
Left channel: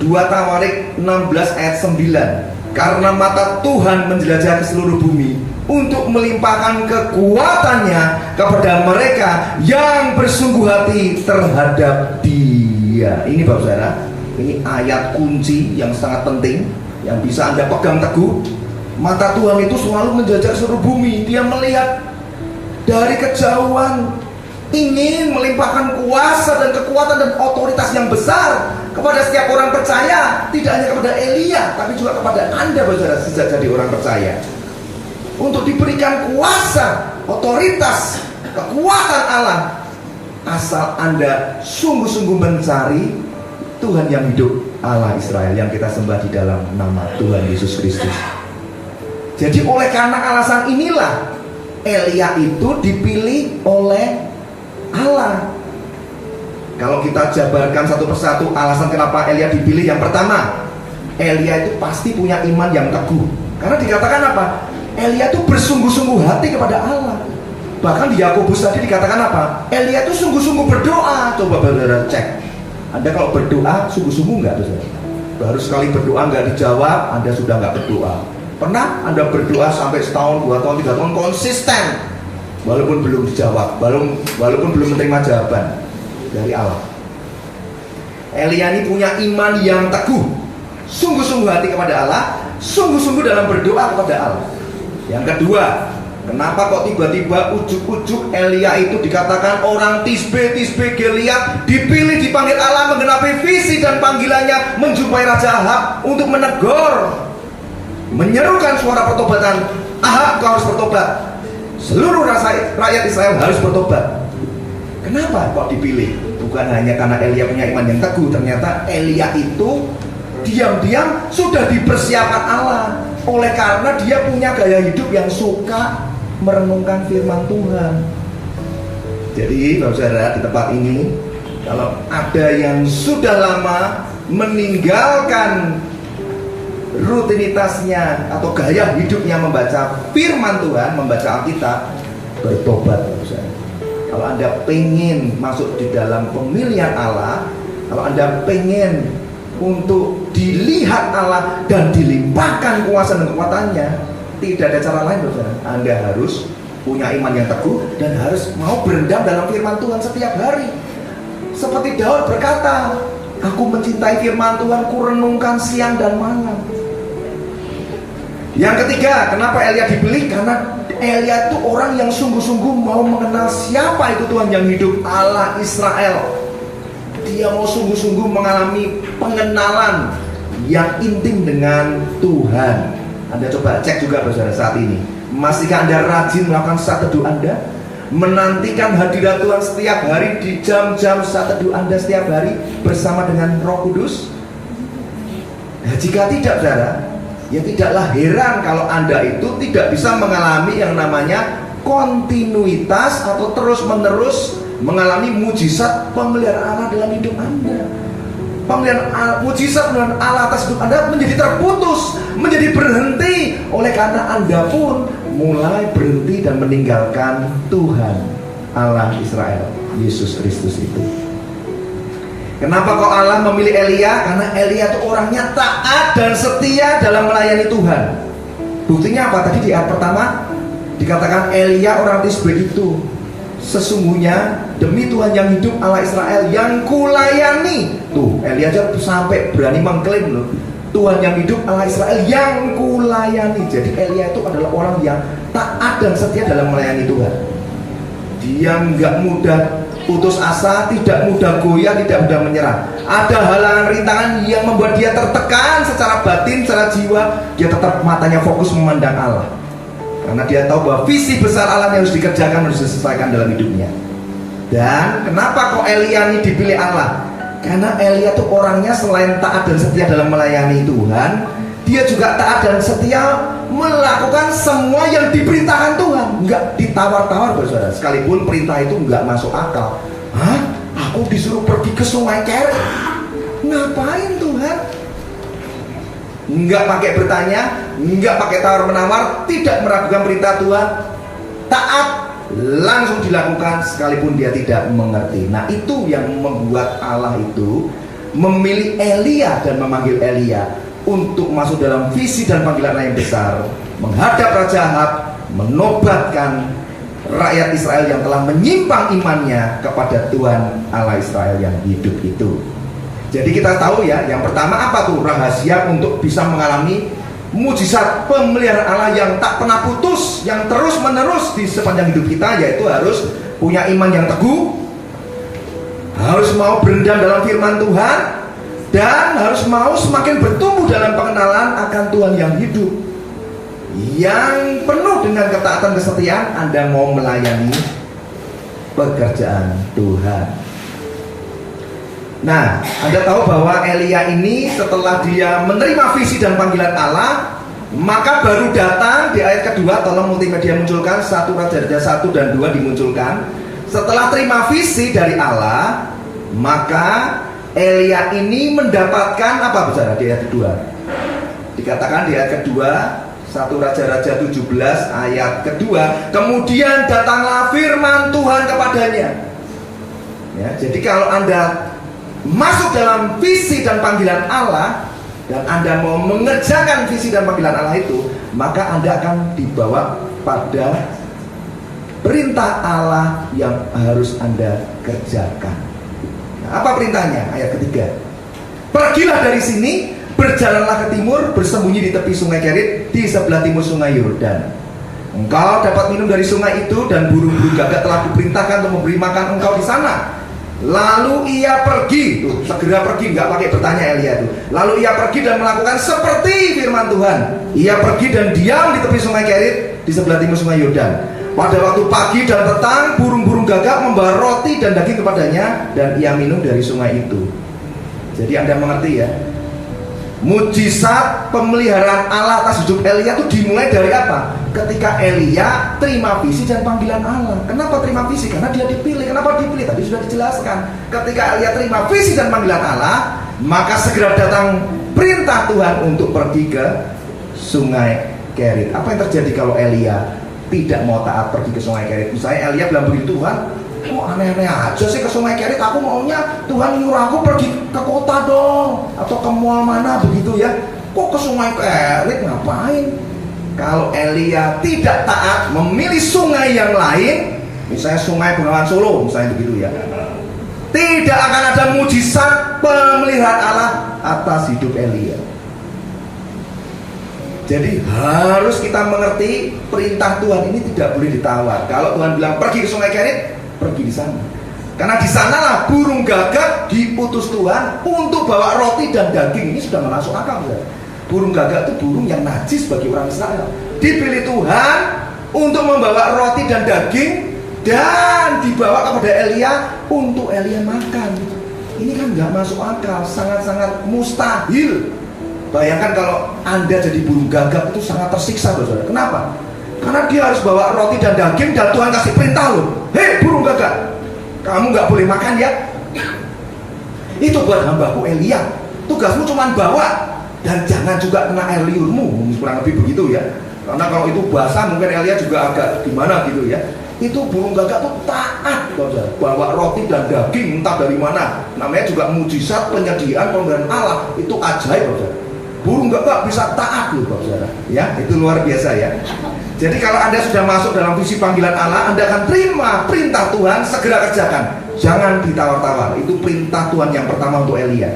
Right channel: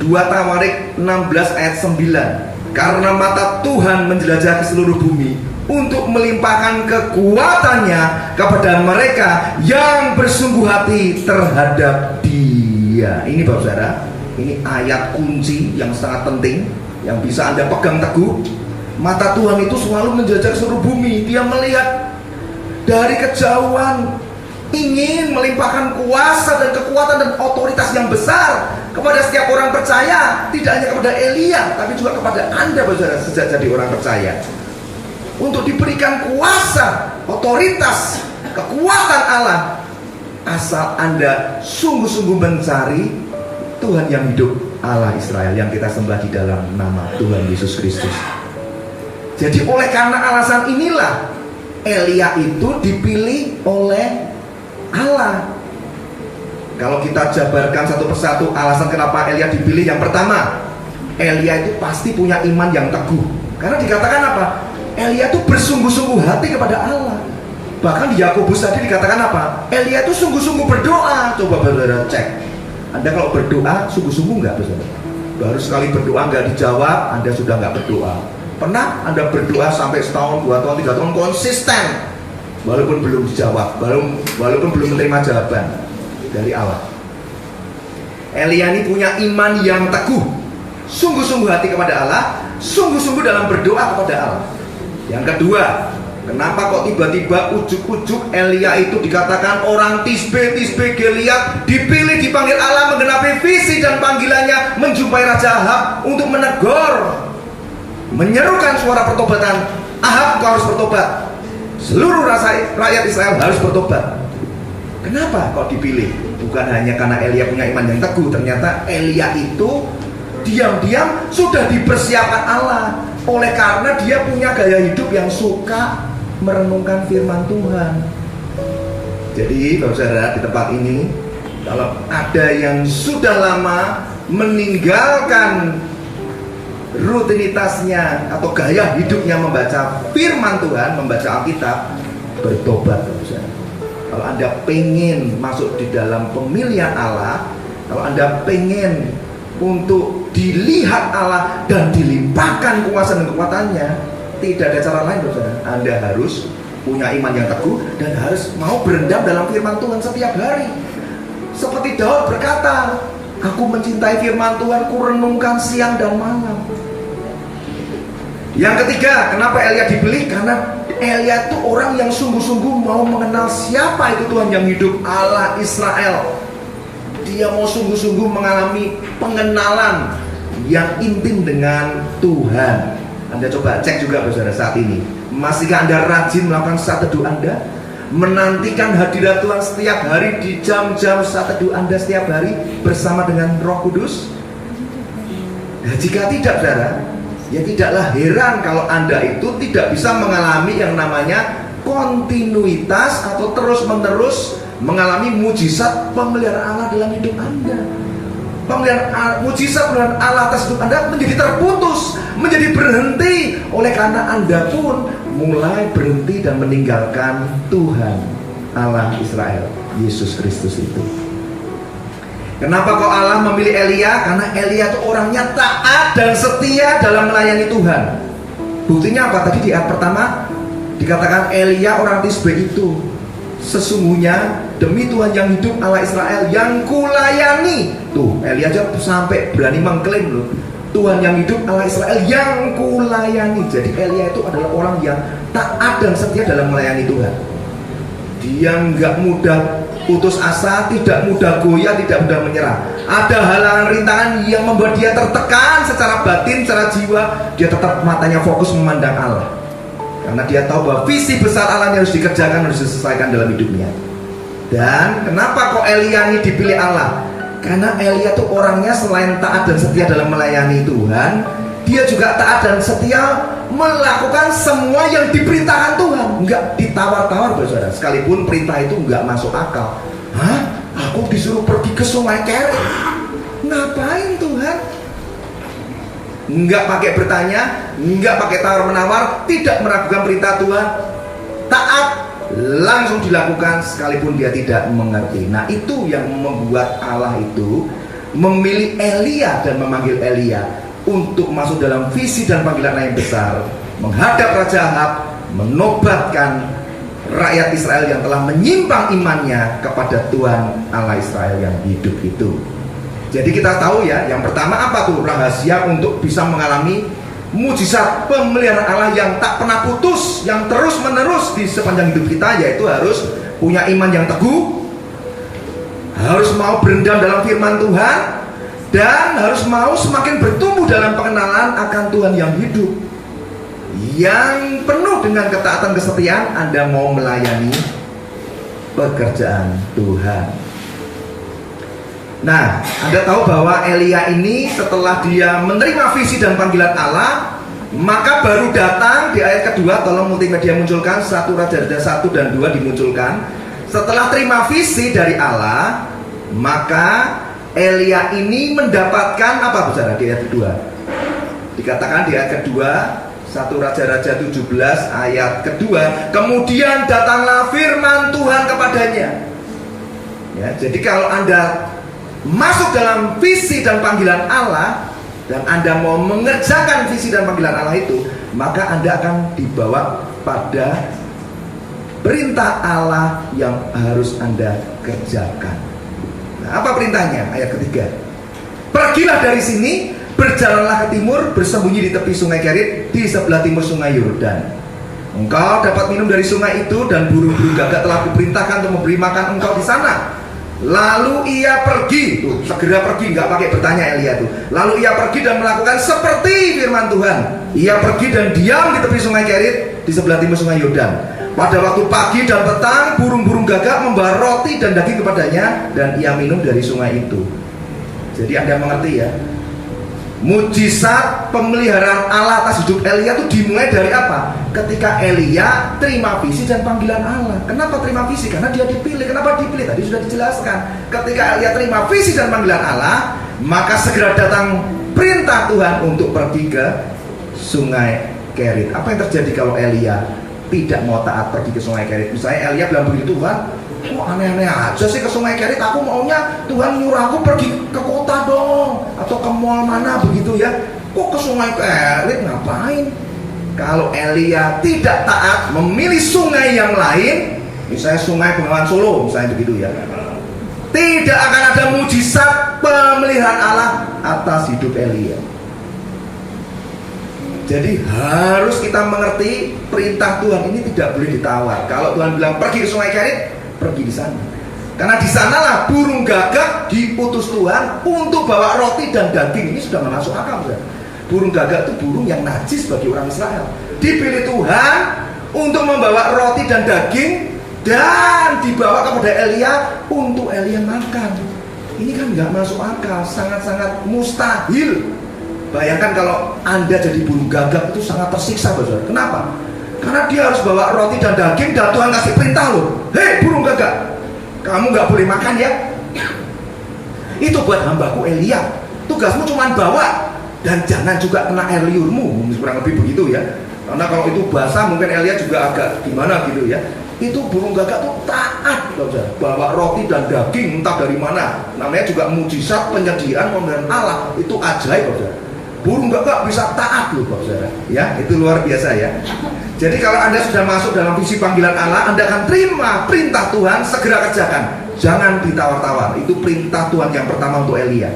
2 Tawarik 16 ayat 9. Karena mata Tuhan menjelajah ke seluruh bumi untuk melimpahkan kekuatannya kepada mereka yang bersungguh hati terhadap Dia. Ini Bapak Saudara, ini ayat kunci yang sangat penting yang bisa Anda pegang teguh. Mata Tuhan itu selalu menjajah seluruh bumi. Dia melihat dari kejauhan, ingin melimpahkan kuasa dan kekuatan dan otoritas yang besar kepada setiap orang percaya. Tidak hanya kepada Elia, tapi juga kepada Anda Bapak Saudara sejak jadi orang percaya, untuk diberikan kuasa, otoritas, kekuatan Allah, asal Anda sungguh-sungguh mencari Tuhan yang hidup, Allah Israel yang kita sembah di dalam nama Tuhan Yesus Kristus. Jadi oleh karena alasan inilah Elia itu dipilih oleh Allah. Kalau kita jabarkan satu persatu alasan kenapa Elia dipilih, yang pertama, Elia itu pasti punya iman yang teguh. Karena dikatakan apa? Elia itu bersungguh-sungguh hati kepada Allah. Bahkan di Yakobus tadi dikatakan apa? Elia itu sungguh-sungguh berdoa. Coba saudara cek, Anda kalau berdoa sungguh-sungguh enggak? Baru sekali berdoa enggak dijawab, Anda sudah enggak berdoa. Pernah Anda berdoa sampai setahun, 2 tahun, 3 tahun konsisten, walaupun belum dijawab, walaupun belum menerima jawaban dari Allah? Elia ini punya iman yang teguh, sungguh-sungguh hati kepada Allah, sungguh-sungguh dalam berdoa kepada Allah. Yang kedua, kenapa kok tiba-tiba ujuk-ujuk Elia itu dikatakan orang Tisbe Gilead, dipilih dipanggil Allah menggenapi visi dan panggilannya menjumpai Raja Ahab untuk menegur, menyerukan suara pertobatan. Ahab, kau harus bertobat, seluruh rakyat Israel harus bertobat. Kenapa kok dipilih? Bukan hanya karena Elia punya iman yang teguh. Ternyata Elia itu diam-diam sudah dipersiapkan Allah, oleh karena dia punya gaya hidup yang suka merenungkan firman Tuhan. Jadi Bapak Saudara, di tempat ini kalau ada yang sudah lama meninggalkan rutinitasnya atau gaya hidupnya membaca firman Tuhan, membaca Alkitab, bertobat Bapak Saudara. Kalau Anda pengen masuk di dalam pemilihan Allah, kalau Anda pengen untuk dilihat Allah dan dilimpahkan kuasa dan kekuatannya, tidak ada cara lain Bapak Saudara. Anda harus punya iman yang teguh dan harus mau berendam dalam firman Tuhan setiap hari. Seperti Daud berkata, aku mencintai firman Tuhan, ku renungkan siang dan malam. Yang ketiga, kenapa Elia dipilih? Karena Elia itu orang yang sungguh-sungguh mau mengenal siapa itu Tuhan yang hidup, Allah Israel. Dia mau sungguh-sungguh mengalami pengenalan yang intim dengan Tuhan. Anda coba cek juga saudara saat ini, masihkah Anda rajin melakukan saat teduh Anda? Menantikan hadirat Tuhan setiap hari di jam-jam saat teduh Anda setiap hari bersama dengan Roh Kudus? Nah, jika tidak saudara, ya tidaklah heran kalau Anda itu tidak bisa mengalami yang namanya kontinuitas atau terus-menerus mengalami mujizat pemeliharaan Allah dalam hidup Anda. Mujizat pemeliharaan Allah atas hidup Anda menjadi terputus, menjadi berhenti, oleh karena Anda pun mulai berhenti dan meninggalkan Tuhan Allah Israel, Yesus Kristus itu. Kenapa kok Allah memilih Elia? Karena Elia itu orangnya taat dan setia dalam melayani Tuhan. Buktinya apa? Tadi di ayat pertama dikatakan Elia orang Tisbe itu, sesungguhnya demi Tuhan yang hidup Allah Israel yang kulayani. Tuh, Elia aja sampai berani mengklaim loh, Tuhan yang hidup Allah Israel yang kulayani. Jadi Elia itu adalah orang yang taat dan setia dalam melayani Tuhan. Dia nggak mudah putus asa, tidak mudah goyah, tidak mudah menyerah. Ada halangan rintangan yang membuat dia tertekan secara batin, secara jiwa, dia tetap matanya fokus memandang Allah. Karena dia tahu bahwa visi besar Allah yang harus dikerjakan, harus diselesaikan dalam hidupnya. Dan kenapa kok Elia ini dipilih Allah? Karena Elia itu orangnya selain taat dan setia dalam melayani Tuhan, dia juga taat dan setia melakukan semua yang diperintahkan Tuhan. Enggak ditawar-tawar saudara, sekalipun perintah itu enggak masuk akal. Hah? Aku disuruh pergi ke Sungai Kerit. Ngapain Tuhan? Enggak pakai bertanya, enggak pakai tawar-menawar, tidak meragukan perintah Tuhan. Taat, langsung dilakukan sekalipun dia tidak mengerti. Nah, itu yang membuat Allah itu memilih Elia dan memanggil Elia untuk masuk dalam visi dan panggilan yang besar, menghadap Raja Ahab menobatkan rakyat Israel yang telah menyimpang imannya kepada Tuhan Allah Israel yang hidup itu. Jadi kita tahu ya, yang pertama apa tuh rahasia untuk bisa mengalami mujizat pemeliharaan Allah yang tak pernah putus, yang terus menerus di sepanjang hidup kita, yaitu harus punya iman yang teguh, harus mau berendam dalam firman Tuhan, dan harus mau semakin bertumbuh dalam pengenalan akan Tuhan yang hidup, yang penuh dengan ketaatan kesetiaan. Anda mau melayani pekerjaan Tuhan. Nah, Anda tahu bahwa Elia ini setelah dia menerima visi dan panggilan Allah, maka baru datang di ayat kedua. Tolong multimedia munculkan 1 Raja-Raja 1 dan 2 dimunculkan. Setelah terima visi dari Allah, maka Elia ini mendapatkan apa, saudara, di ayat kedua? Dikatakan di ayat kedua 1 Raja-Raja 17 ayat kedua, kemudian datanglah firman Tuhan kepadanya. Ya, jadi kalau Anda masuk dalam visi dan panggilan Allah, dan Anda mau mengerjakan visi dan panggilan Allah itu, maka Anda akan dibawa pada perintah Allah yang harus Anda kerjakan. Nah, apa perintahnya? Ayat ketiga, pergilah dari sini, berjalanlah ke timur, bersembunyi di tepi sungai Kerit, di sebelah timur sungai Yordan. Engkau dapat minum dari sungai itu, dan burung-burung gagak telah kuperintahkan untuk memberi makan engkau di sana. Lalu ia pergi, tuh, segera pergi, nggak pakai bertanya Elia tuh. Lalu ia pergi dan melakukan seperti firman Tuhan. Ia pergi dan diam di tepi sungai Kerit, di sebelah timur sungai Yordan. Pada waktu pagi dan petang, burung-burung gagak membawa roti dan daging kepadanya, dan ia minum dari sungai itu. Jadi Anda mengerti ya, mujizat pemeliharaan Allah atas hidup Elia itu dimulai dari apa? Ketika Elia terima visi dan panggilan Allah. Kenapa terima visi? Karena dia dipilih. Kenapa dipilih? Tadi sudah dijelaskan. Ketika Elia terima visi dan panggilan Allah, maka segera datang perintah Tuhan untuk pergi ke sungai Kerit. Apa yang terjadi kalau Elia tidak mau taat pergi ke sungai Kerit? Misalnya Elia bilang begitu, Tuhan, kok aneh-aneh aja sih ke sungai Kerit, aku maunya Tuhan nyuruh aku pergi ke kota dong, atau ke mall mana begitu ya. Kok ke sungai Kerit, ngapain? Kalau Elia tidak taat memilih sungai yang lain, misalnya sungai Bengawan Solo misalnya begitu ya, tidak akan ada mujizat pemeliharaan Allah atas hidup Elia. Jadi harus kita mengerti perintah Tuhan ini tidak boleh ditawar. Kalau Tuhan bilang pergi ke sungai Kerit, pergi di sana. Karena di sanalah burung gagak diutus Tuhan untuk bawa roti dan daging. Ini sudah masuk akal, saudara. Burung gagak itu burung yang najis bagi orang Israel. Dipilih Tuhan untuk membawa roti dan daging, dan dibawa kepada Elia untuk Elia makan. Ini kan nggak masuk akal, sangat-sangat mustahil. Bayangkan kalau Anda jadi burung gagak, itu sangat tersiksa, saudara. Kenapa? Karena dia harus bawa roti dan daging, dan Tuhan kasih perintah loh, hei burung gagak, kamu nggak boleh makan ya. Itu buat hambaku Elia, tugasmu cuma bawa, dan jangan juga kena air liurmu, kurang lebih begitu ya. Karena kalau itu basah mungkin Elia juga agak gimana gitu ya. Itu burung gagak tuh taat, saudara, bawa roti dan daging entah dari mana. Namanya juga mujizat penyediaan pemberian Allah, itu ajaib, saudara. Burung gagak bisa taat loh, saudara. Ya, itu luar biasa ya. Jadi kalau Anda sudah masuk dalam visi panggilan Allah, Anda akan terima perintah Tuhan, segera kerjakan. Jangan ditawar-tawar. Itu perintah Tuhan yang pertama untuk Elia.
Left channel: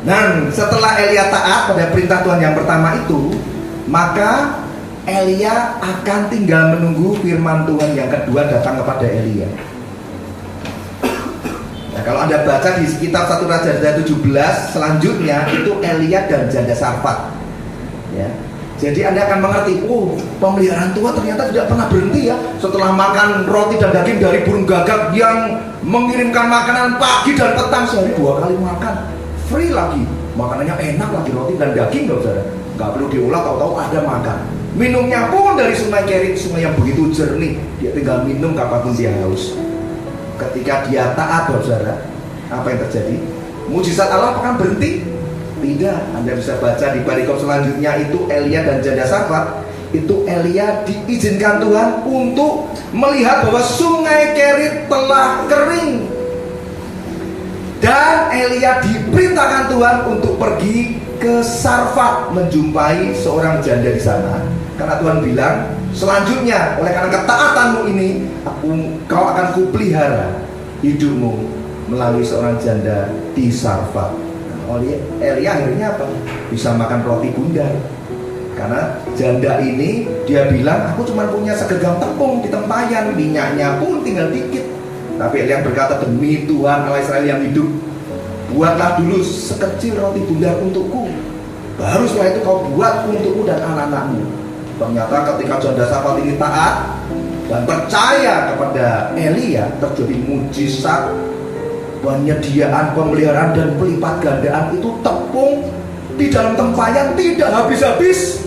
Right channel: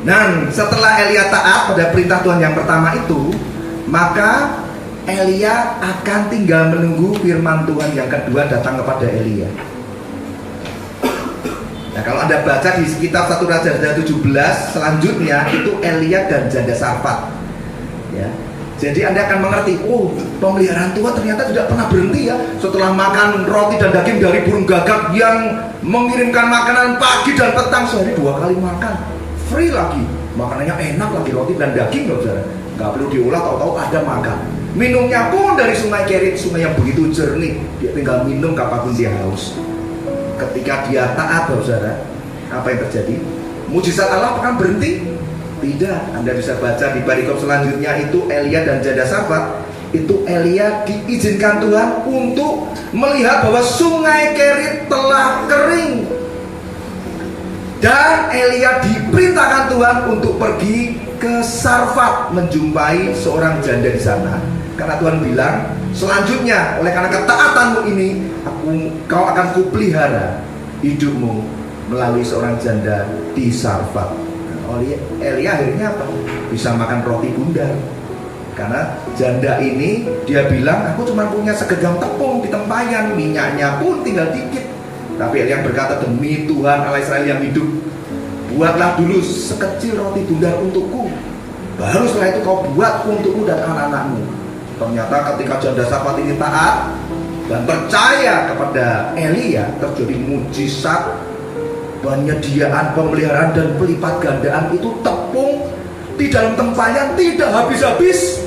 Dan setelah Elia taat pada perintah Tuhan yang pertama itu, maka Elia akan tinggal menunggu firman Tuhan yang kedua datang kepada Elia. Nah, kalau Anda baca di kitab 1 Raja-Raja 17 selanjutnya, itu Elia dan janda Sarfat. Ya. Jadi Anda akan mengerti, oh, pemeliharaan Tuhan ternyata tidak pernah berhenti ya. Setelah makan roti dan daging dari burung gagak yang mengirimkan makanan pagi dan petang, sehari 2 kali makan, free lagi, makanannya enak lagi, roti dan daging loh, saudara. Nggak perlu diolah, tahu-tahu ada makan. Minumnya pun dari sungai Kerit, sungai yang begitu jernih. Dia tinggal minum kapanpun dia haus. Ketika dia taat, saudara, apa yang terjadi? Mujizat Allah akan berhenti? Tidak. Anda bisa baca di perikop selanjutnya, itu Elia dan janda Sarfat. Itu Elia diizinkan Tuhan untuk melihat bahwa sungai Kerit telah kering. Dan Elia diperintahkan Tuhan untuk pergi ke Sarfat menjumpai seorang janda di sana. Karena Tuhan bilang, selanjutnya oleh karena ketaatanmu ini, kau akan kupelihara hidupmu melalui seorang janda di Sarfat. Oleh Elia akhirnya apa? Bisa makan roti bundar. Karena janda ini dia bilang, aku cuma punya segejam tepung di tempayan, minyaknya pun tinggal dikit. Tapi Elia berkata, demi Tuhan Allah Israel yang hidup, buatlah dulu sekecil roti bundar untukku, baru setelah itu kau buat untukku dan anak-anakmu. Ternyata ketika janda Sarfat ini taat dan percaya kepada Elia, terjadi mujizat penyediaan, pemeliharaan dan pelipat gandaan. Itu tepung di dalam tempayan tidak habis-habis,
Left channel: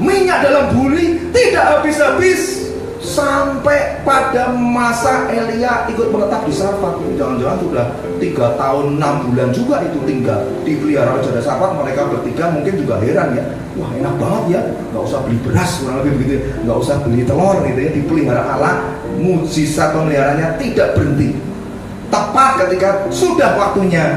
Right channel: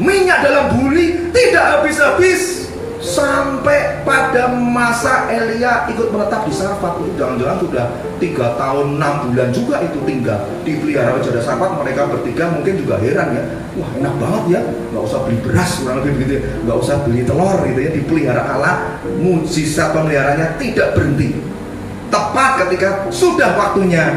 minyak dalam buli tidak habis-habis, sampai pada masa Elia ikut menetap di Sarfat. Jangan-jangan sudah 3 tahun 6 bulan juga itu tinggal dipelihara janda Sarfat. Mereka bertiga mungkin juga heran ya, wah enak banget ya, nggak usah beli beras, kurang lebih begitu, nggak usah beli telur gitu ya, dipelihara Allah. Mujizat pemeliharanya tidak berhenti. Tepat ketika sudah waktunya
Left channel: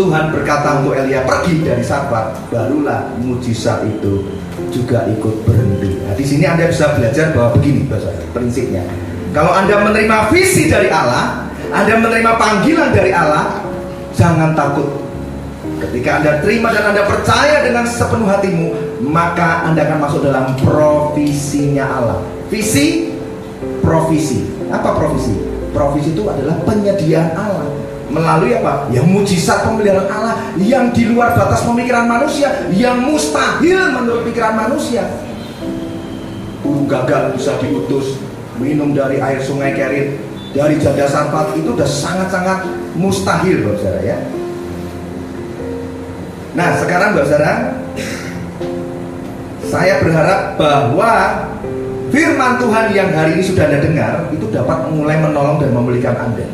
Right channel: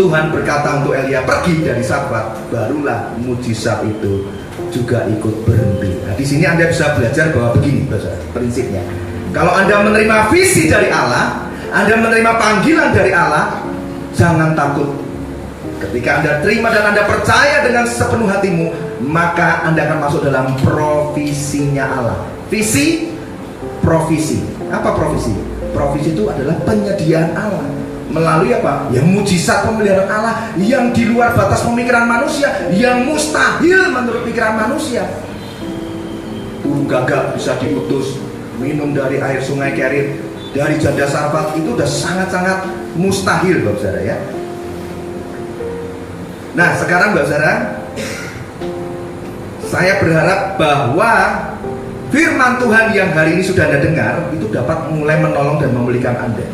Tuhan berkata untuk Elia pergi dari Sarfat, barulah mujizat itu juga ikut berhenti. Nah, di sini Anda bisa belajar bahwa begini prinsipnya. Kalau Anda menerima visi dari Allah, Anda menerima panggilan dari Allah, jangan takut. Ketika Anda terima dan Anda percaya dengan sepenuh hatimu, maka Anda akan masuk dalam provisinya Allah. Visi, provisi. Apa provisi? Provisi itu adalah penyediaan Allah. Melalui apa? Ya mujizat pemeliharaan Allah yang di luar batas pemikiran manusia, yang mustahil menurut pikiran manusia. Burung gagak bisa diutus minum dari air sungai Kerit dari janda Sarfat, itu sudah sangat-sangat mustahil, Bapak Saudara ya. Nah sekarang Bapak Saudara, saya berharap bahwa firman Tuhan yang hari ini sudah Anda dengar itu dapat mulai menolong dan memulihkan Anda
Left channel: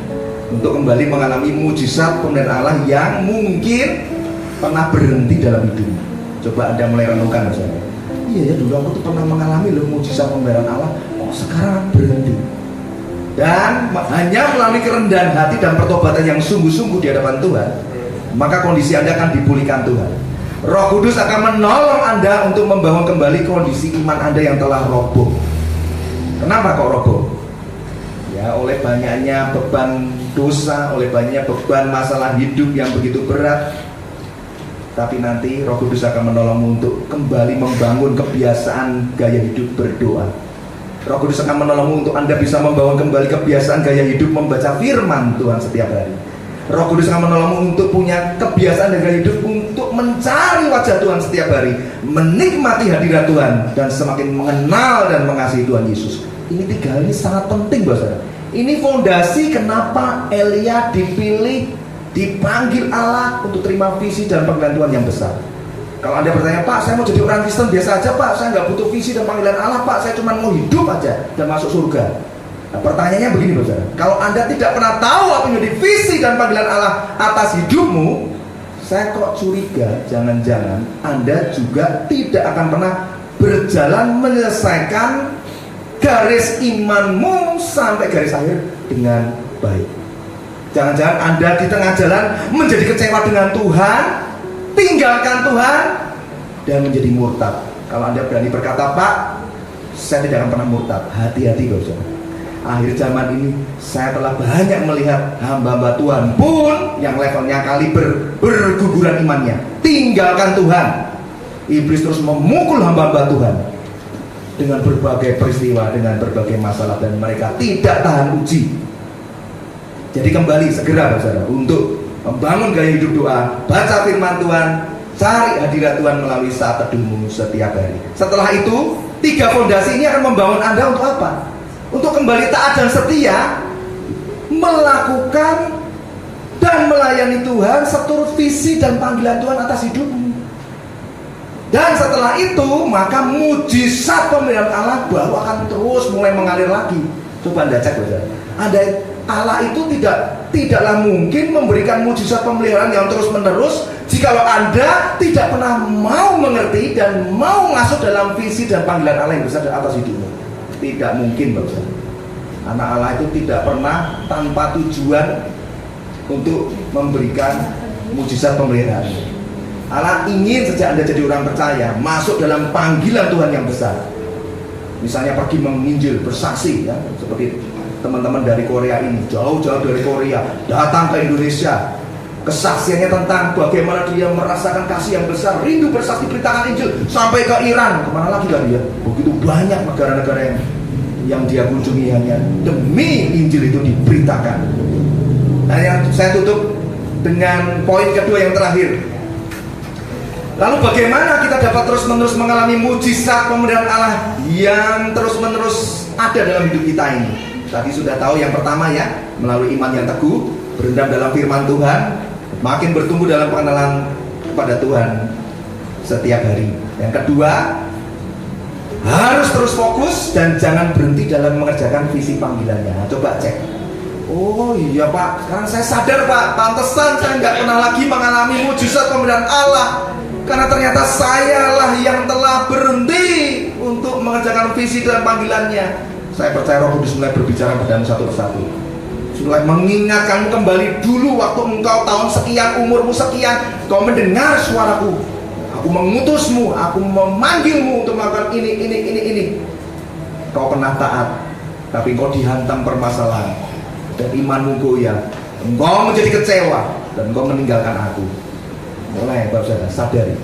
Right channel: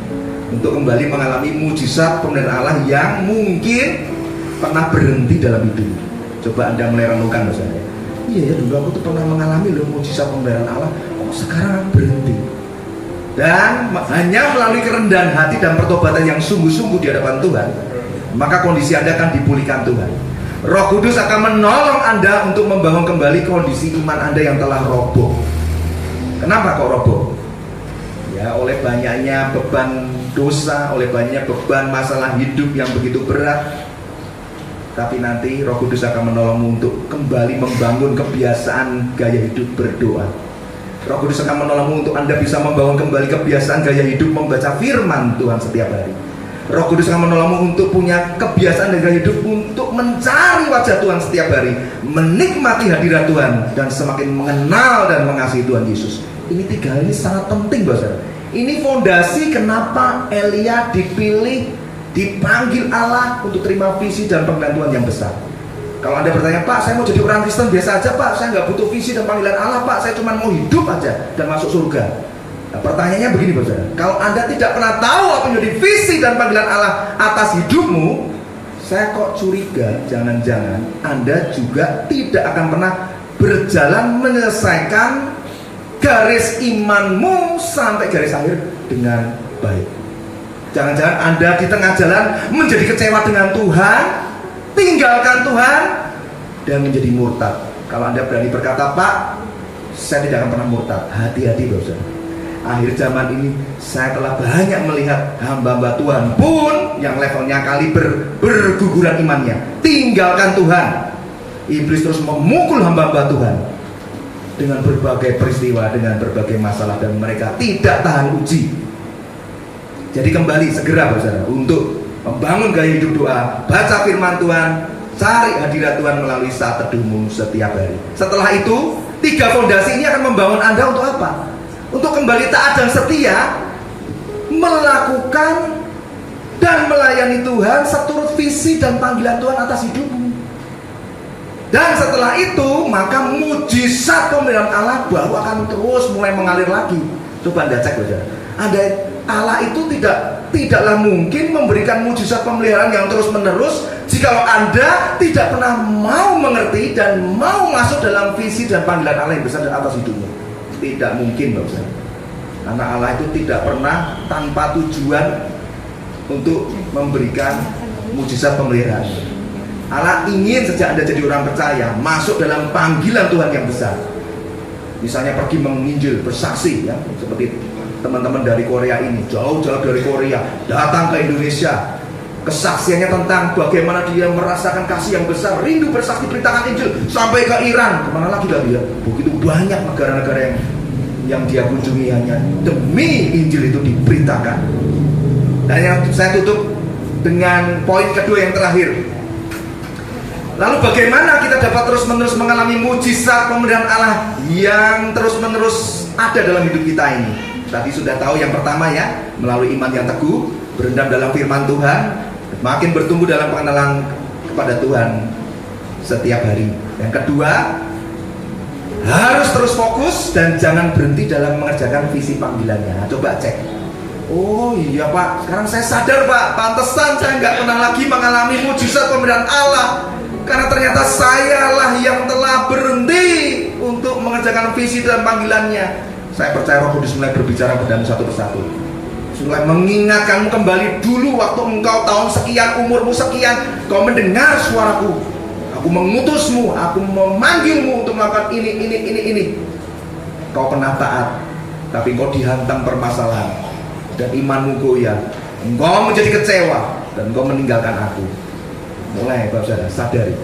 untuk kembali mengalami mujizat pemeliharaan Allah yang mungkin pernah berhenti dalam hidupmu. Coba Anda mulai renungkan misalnya, iya ya dulu aku tuh pernah mengalami loh mujizat pemeliharaan Allah, kok sekarang berhenti. Dan hanya melalui kerendahan hati dan pertobatan yang sungguh-sungguh di hadapan Tuhan, maka kondisi Anda akan dipulihkan Tuhan. Roh Kudus akan menolong Anda untuk membangun kembali kondisi iman Anda yang telah roboh. Kenapa kok roboh? Ya oleh banyaknya beban dosa, oleh banyaknya beban masalah hidup yang begitu berat. Tapi nanti Roh Kudus akan menolongmu untuk kembali membangun kebiasaan gaya hidup berdoa. Roh Kudus akan menolongmu untuk Anda bisa membangun kembali kebiasaan gaya hidup membaca firman Tuhan setiap hari. Roh Kudus akan menolongmu untuk punya kebiasaan dan gaya hidup untuk mencari wajah Tuhan setiap hari, menikmati hadirat Tuhan, dan semakin mengenal dan mengasihi Tuhan Yesus. Ini 3 hal ini sangat penting, Bapak. Ini fondasi kenapa Elia dipilih, dipanggil Allah untuk terima visi dan panggilan Tuhan yang besar. Kalau Anda bertanya, Pak, saya mau jadi orang Kristen biasa aja, Pak, saya nggak butuh visi dan panggilan Allah, Pak, saya cuma mau hidup aja dan masuk surga. Nah, pertanyaannya begini, Bapak. Kalau Anda tidak pernah tahu apa yang menjadi visi dan panggilan Allah atas hidupmu, saya kok curiga, jangan-jangan Anda juga tidak akan pernah berjalan menyelesaikan garis imanmu sampai garis akhir dengan baik. Jangan-jangan Anda di tengah jalan menjadi kecewa dengan Tuhan, tinggalkan Tuhan, dan menjadi murtad. Kalau Anda berani berkata, Pak, saya tidak akan pernah murtad, hati-hati Bapak. Akhir zaman ini saya telah banyak melihat hamba-hamba Tuhan pun yang levelnya kali berguguran imannya, tinggalkan Tuhan. Iblis terus memukul hamba-hamba Tuhan dengan berbagai peristiwa, dengan berbagai masalah, dan mereka tidak tahan uji. Jadi kembali segera Bapak Saudara untuk membangun gaya hidup doa, baca firman Tuhan, cari hadirat Tuhan melalui saat teduhmu setiap hari. Setelah itu 3 fondasi ini akan membangun Anda untuk apa? Untuk kembali taat dan setia, melakukan dan melayani Tuhan seturut visi dan panggilan Tuhan atas hidupmu. Dan setelah itu maka mujizat pemeliharaan Allah baru akan terus mulai mengalir lagi. Coba Anda cek saja. Allah itu tidaklah mungkin memberikan mujizat pemeliharaan yang terus menerus jikalau Anda tidak pernah mau mengerti dan mau masuk dalam visi dan panggilan Allah yang besar atas hidupnya. Tidak mungkin Bapak. Karena Allah itu tidak pernah tanpa tujuan untuk memberikan mujizat pemeliharaan. Allah ingin sejak Anda jadi orang percaya masuk dalam panggilan Tuhan yang besar. Misalnya pergi menginjil, bersaksi ya, seperti teman-teman dari Korea ini, jauh-jauh dari Korea datang ke Indonesia. Kesaksiannya tentang bagaimana dia merasakan kasih yang besar, rindu bersaksi beritakan Injil sampai ke Iran. Kemana lagi dia? Begitu banyak negara-negara yang dia kunjungi hanya demi Injil itu diberitakan. Dan yang saya tutup dengan poin kedua yang terakhir. Lalu bagaimana kita dapat terus-menerus mengalami mujizat pemeliharaan Allah yang terus-menerus ada dalam hidup kita ini? Tadi sudah tahu yang pertama ya, melalui iman yang teguh, berendam dalam firman Tuhan, makin bertumbuh dalam pengenalan kepada Tuhan setiap hari. Yang kedua, harus terus fokus dan jangan berhenti dalam mengerjakan visi panggilannya. Nah, coba cek. Oh iya Pak, sekarang saya sadar Pak, pantesan saya nggak pernah lagi mengalami mujizat pemeliharaan Allah. Karena ternyata sayalah yang telah berhenti untuk mengerjakan visi dan panggilannya. Saya percaya Roh Kudus mulai berbicara padamu satu persatu. Mulai mengingatkanmu kembali dulu waktu engkau tahun sekian, umurmu sekian, kau mendengar suaraku. Aku mengutusmu, aku memanggilmu untuk melakukan ini. Kau pernah taat, tapi kau dihantam permasalahan dan imanmu goyah. Engkau menjadi kecewa dan engkau meninggalkan aku. Mulai Bapak Saudara sadari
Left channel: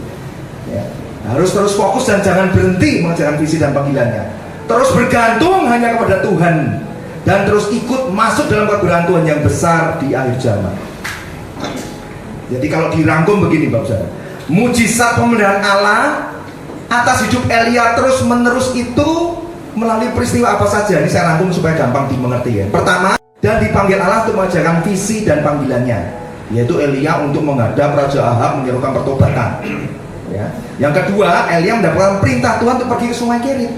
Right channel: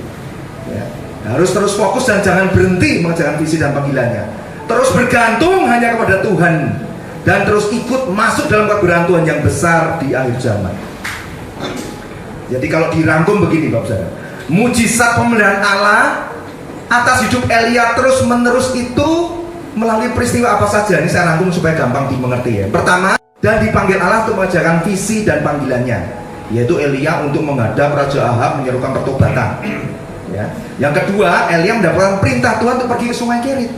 ya, harus terus fokus dan jangan berhenti mengerjakan visi dan panggilannya. Terus bergantung hanya kepada Tuhan dan terus ikut masuk dalam kebenaran Tuhan yang besar di akhir zaman. Jadi kalau dirangkum begini Bapak Saudara, mujizat pemeliharaan Allah atas hidup Elia terus menerus itu melalui peristiwa apa saja? Ini saya rangkum supaya gampang dimengerti ya. Pertama, dan dipanggil Allah untuk mengerjakan visi dan panggilannya, yaitu Elia untuk menghadap Raja Ahab menyerukan pertobatan ya. Yang kedua, Elia mendapatkan perintah Tuhan untuk pergi ke Sungai Kerit.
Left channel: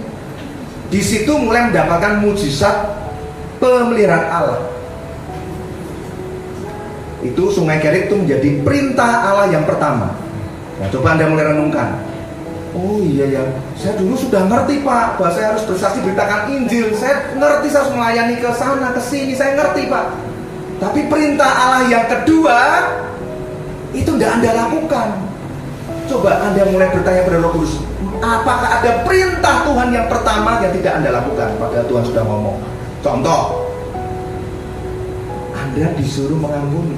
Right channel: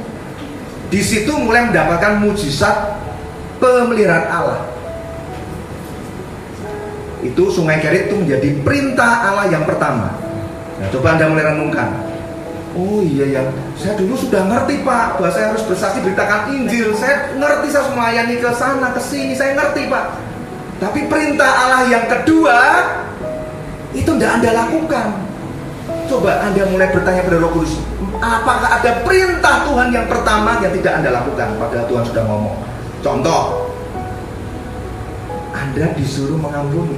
Di situ mulai mendapatkan mujizat pemeliharaan Allah. Itu Sungai Kerit itu menjadi perintah Allah yang pertama. Nah, coba Anda mulai renungkan. Oh iya ya, saya dulu sudah ngerti Pak, bahwa saya harus bersaksi beritakan Injil. Saya ngerti, saya harus melayani ke sana ke sini, saya ngerti Pak. Tapi perintah Allah yang kedua itu tidak Anda lakukan. Coba Anda mulai bertanya kepada Roh Kudus, apakah ada perintah Tuhan yang pertama yang tidak Anda lakukan? Padahal Tuhan sudah ngomong. Contoh, Anda disuruh mengampuni,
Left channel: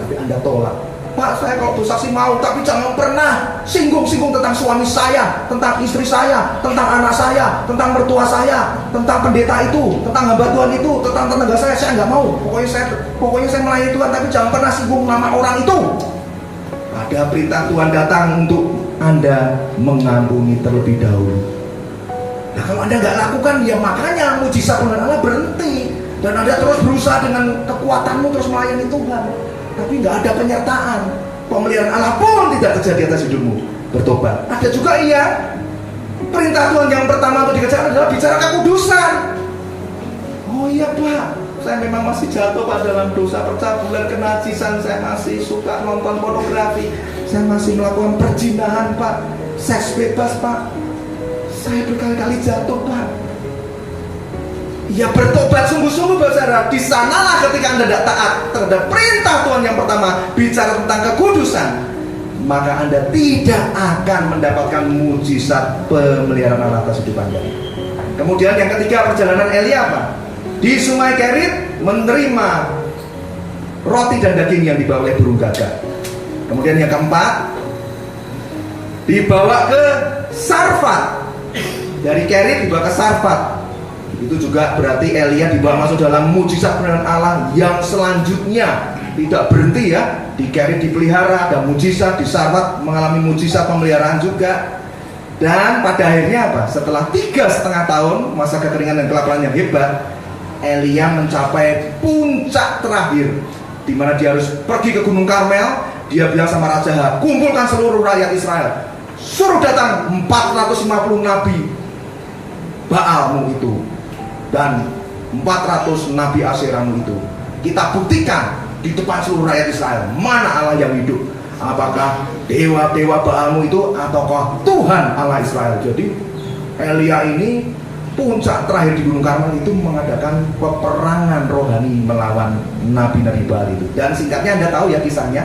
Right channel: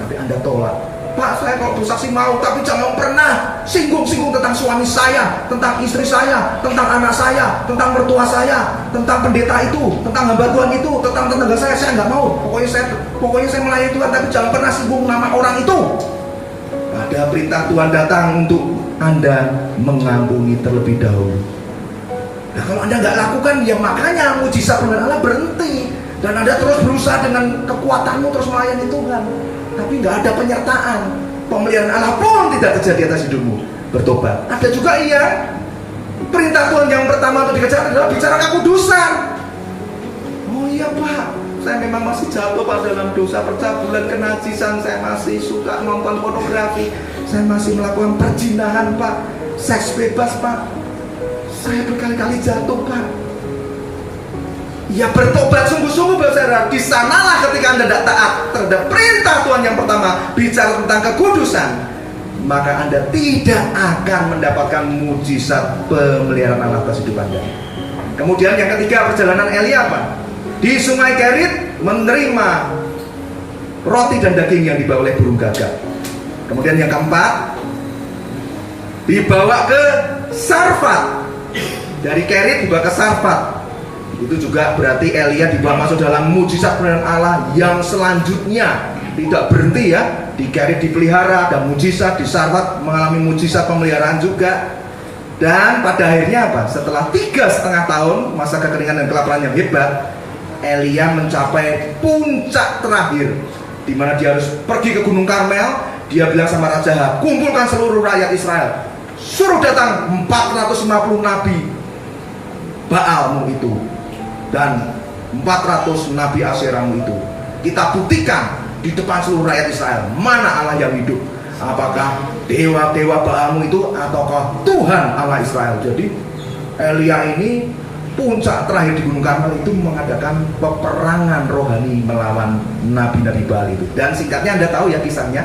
tapi Anda tolak. Pak, saya kalau bersaksi mau, tapi jangan pernah singgung-singgung tentang suami saya, tentang istri saya, tentang anak saya, tentang mertua saya, tentang pendeta itu, tentang hamba Tuhan itu, tentang tetangga saya nggak mau. Pokoknya saya melayani Tuhan, tapi jangan pernah singgung nama orang itu. Ada perintah Tuhan datang untuk Anda mengampuni terlebih dahulu. Nah, kalau Anda nggak lakukan, ya makanya mujizat pemeliharaan Allah berhenti, dan Anda terus berusaha dengan kekuatanmu terus melayani Tuhan. Tapi nggak ada penyertaan, pemeliharaan Allah pun tidak terjadi atas hidupmu. Bertobat. Ada juga iya, perintah Tuhan yang pertama untuk dikerjakan adalah bicara kekudusan. Oh iya Pak, saya memang masih jatuh Pak dalam dosa percabulan, kenajisan, saya masih suka nonton pornografi, saya masih melakukan perzinahan Pak, seks bebas Pak, saya berkali-kali jatuh Pak. Ya bertobat sungguh-sungguh Bapak. Di sanalah ketika Anda tidak taat terhadap perintah Tuhan yang pertama, bicara tentang kekudusan, maka Anda tidak akan mendapatkan mujizat pemeliharaan Allah atas hidup Anda. Kemudian yang ketiga, perjalanan Elia apa? Di Sungai Kerit menerima roti dan daging yang dibawa oleh burung gagak. Kemudian yang keempat, dibawa ke Sarfat. Dari Kerit dibawa ke Sarfat. Itu juga berarti Elia dibawa masuk dalam mujizat pemeliharaan Allah yang selanjutnya. Tidak berhenti ya, di Kerit dipelihara, dan mujizat, di Sarfat mengalami mujizat pemeliharaan juga. Dan pada akhirnya apa? Setelah 3,5 tahun masa kekeringan dan kelaparan yang hebat, Elia mencapai puncak terakhir, di mana dia harus pergi ke Gunung Karmel. Dia bilang sama Raja Ahab, kumpulkan seluruh rakyat Israel, suruh datang 450 nabi Baalmu itu dan 400 nabi Asyeramu itu. Kita buktikan di depan seluruh rakyat Israel mana Allah yang hidup, apakah dewa-dewa Baalmu itu ataukah Tuhan Allah Israel. Jadi Elia ini puncak terakhir di Gunung Karmel itu mengadakan peperangan rohani melawan nabi-nabi Baal itu. Dan singkatnya Anda tahu ya kisahnya,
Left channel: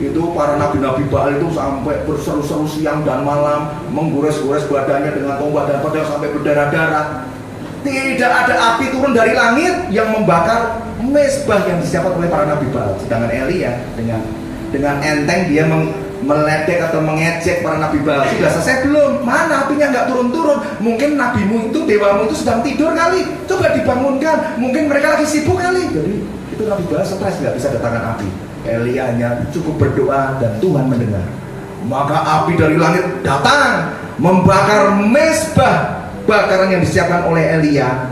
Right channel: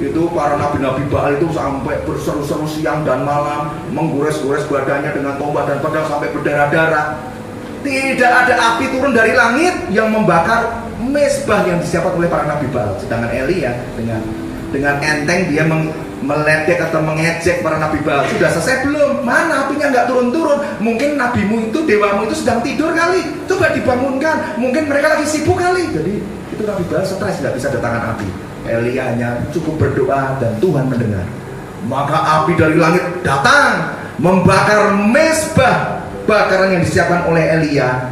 itu para nabi-nabi Baal itu sampai berseru-seru siang dan malam, menggores-gores badannya dengan tombak dan pedang sampai berdarah-darah. Tidak ada api turun dari langit yang membakar mezbah yang disiapkan oleh para nabi Baal. Sedangkan Elia dengan enteng dia meledek atau mengejek para nabi Baal. Sudah selesai belum? Mana apinya nggak turun-turun? Mungkin nabimu itu, dewamu itu sedang tidur kali. Coba dibangunkan. Mungkin mereka lagi sibuk kali. Jadi itu nabi Baal stres, nggak bisa datangkan api. Elia hanya cukup berdoa dan Tuhan mendengar. Maka api dari langit datang membakar mezbah bakaran yang disiapkan oleh Elia.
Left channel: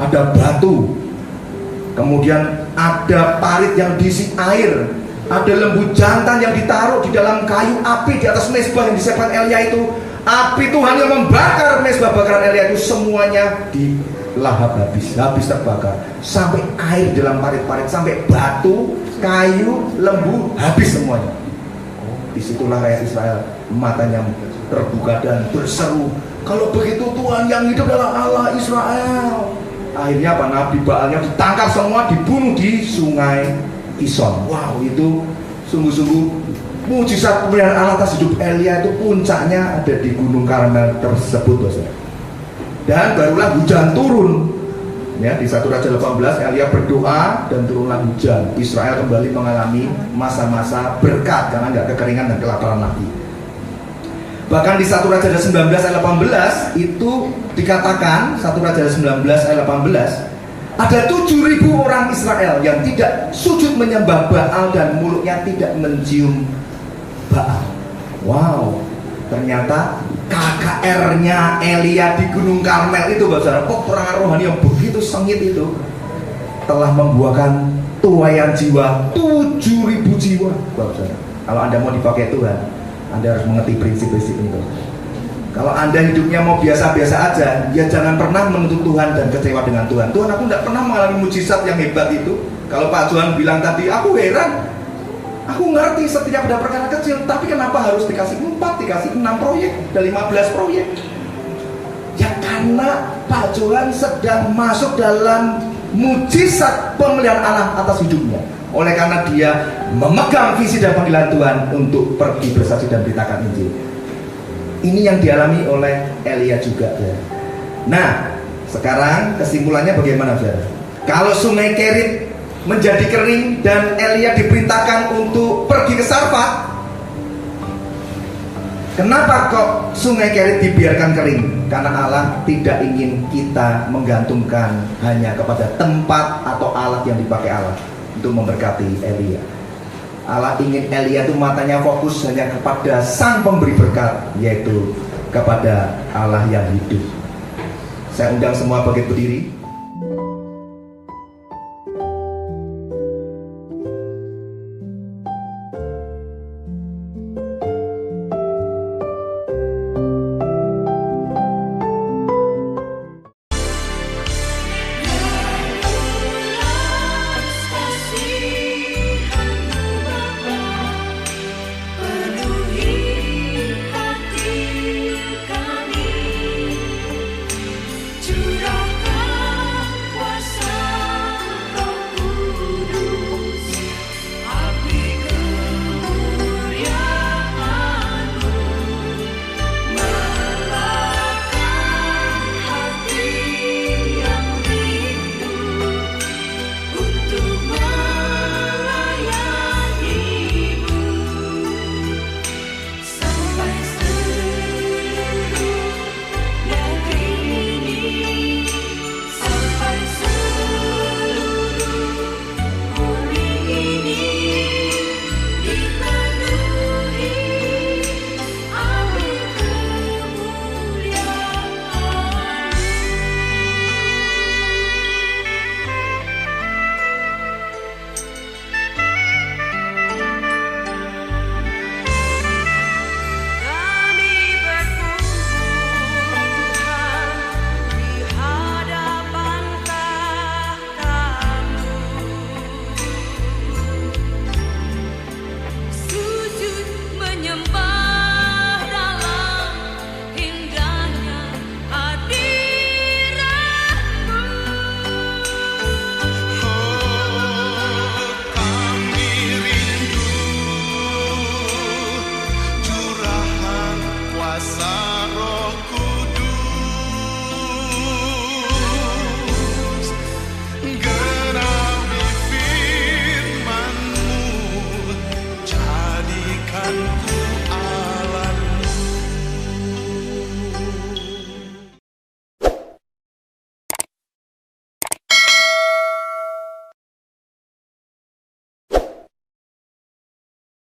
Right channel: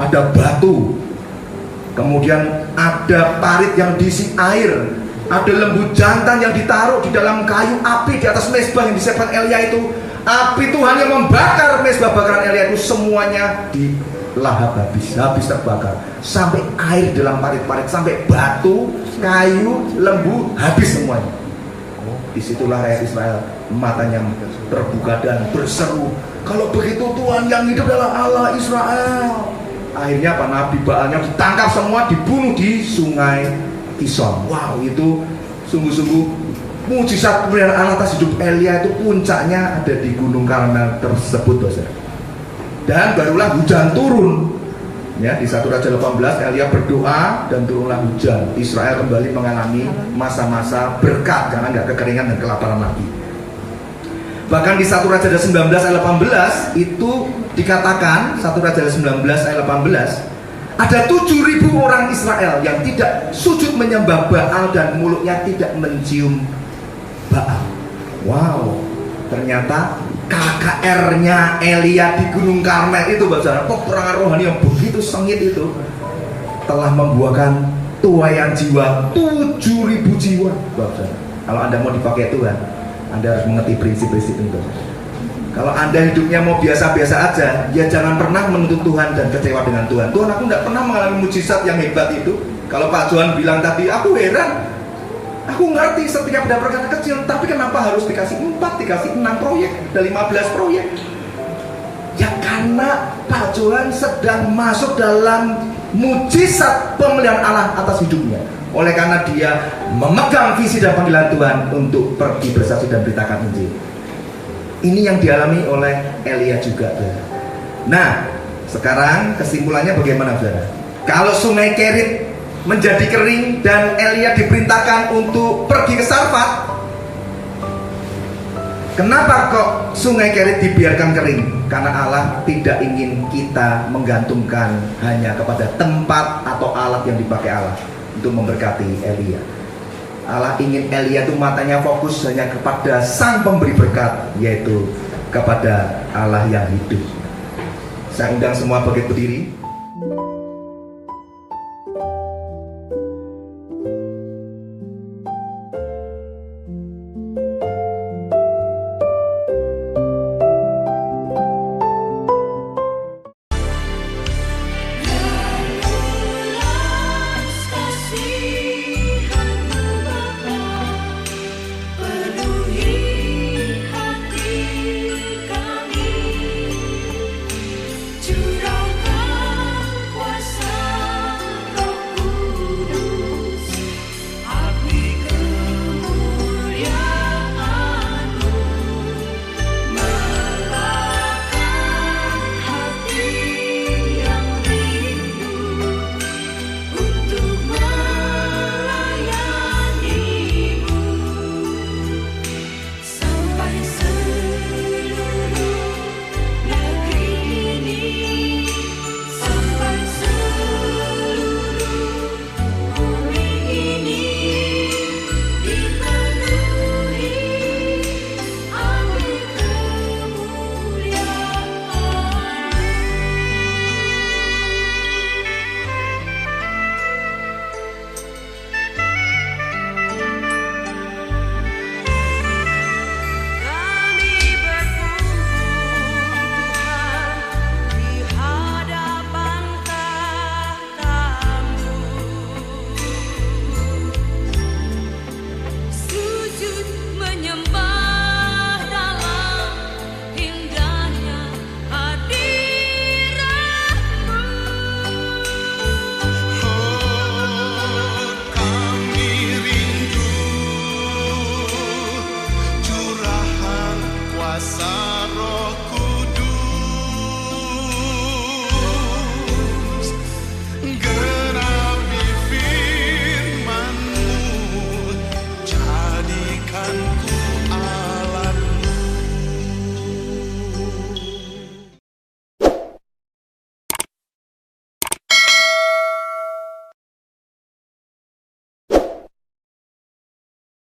Ada batu, kemudian ada parit yang diisi air, ada lembu jantan yang ditaruh di dalam kayu api di atas mezbah yang disiapkan Elia itu. Api Tuhan yang membakar mezbah bakaran Elia itu semuanya dilahap habis terbakar. Sampai air dalam parit-parit, sampai batu, kayu, lembu habis semuanya. Disitulah rakyat Israel matanya terbuka dan berseru, kalau begitu Tuhan yang hidup adalah Allah Israel. Akhirnya apa? Nabi Baalnya ditangkap semua, dibunuh di sungai Kison. Wow, itu sungguh-sungguh mujizat pemberian Allah atas hidup Elia itu puncaknya ada di Gunung Karmel tersebut, saudara. Dan barulah hujan turun. Ya, di 1 Raja 18 Elia berdoa dan turunlah hujan. Israel kembali mengalami masa-masa berkat, jangan nggak kekeringan dan kelaparan lagi. Bahkan di 1 Raja 19 ayat 18 itu dikatakan, 1 Raja 19 ayat 18, ada 7.000 orang Israel yang tidak sujud menyembah Baal dan mulutnya tidak mencium Baal. Wow, ternyata KKR-nya Elia di Gunung Karmel itu, saudara, peperangan rohani yang begitu sengit itu telah membuahkan tuaian jiwa 7.000 jiwa, saudara. Kalau Anda mau dipakai Tuhan, Anda harus mengerti prinsip-prinsip itu. Kalau Anda hidupnya mau biasa-biasa aja, ya jangan pernah menuntut Tuhan dan kecewa dengan Tuhan. Tuhan, aku tidak pernah mengalami mujizat yang hebat itu. Kalau Pak Johan bilang tadi, aku heran, aku ngerti setiap ada perkara kecil, tapi kenapa harus dikasih 4, dikasih 6 proyek, dan 15 proyek? Ya karena Pak Johan sedang masuk dalam mujizat pemeliharaan Allah atas hidupnya. Oleh karena dia memegang visi dan panggilan Tuhan untuk pergi bersaksi dan beritakan Injil. Ini yang dialami oleh Elia juga, saudara. Nah, sekarang kesimpulannya bagaimana, saudara? Kalau sungai Kerit menjadi kering dan Elia diperintahkan untuk pergi ke Sarfat, kenapa kok sungai Kerit dibiarkan kering? Karena Allah tidak ingin kita menggantungkan hanya kepada tempat atau alat yang dipakai Allah untuk memberkati Elia. Allah ingin Elia itu matanya fokus hanya kepada sang pemberi berkat, yaitu kepada Allah yang hidup. Saya undang semua bangkit berdiri. Curahkan kuasa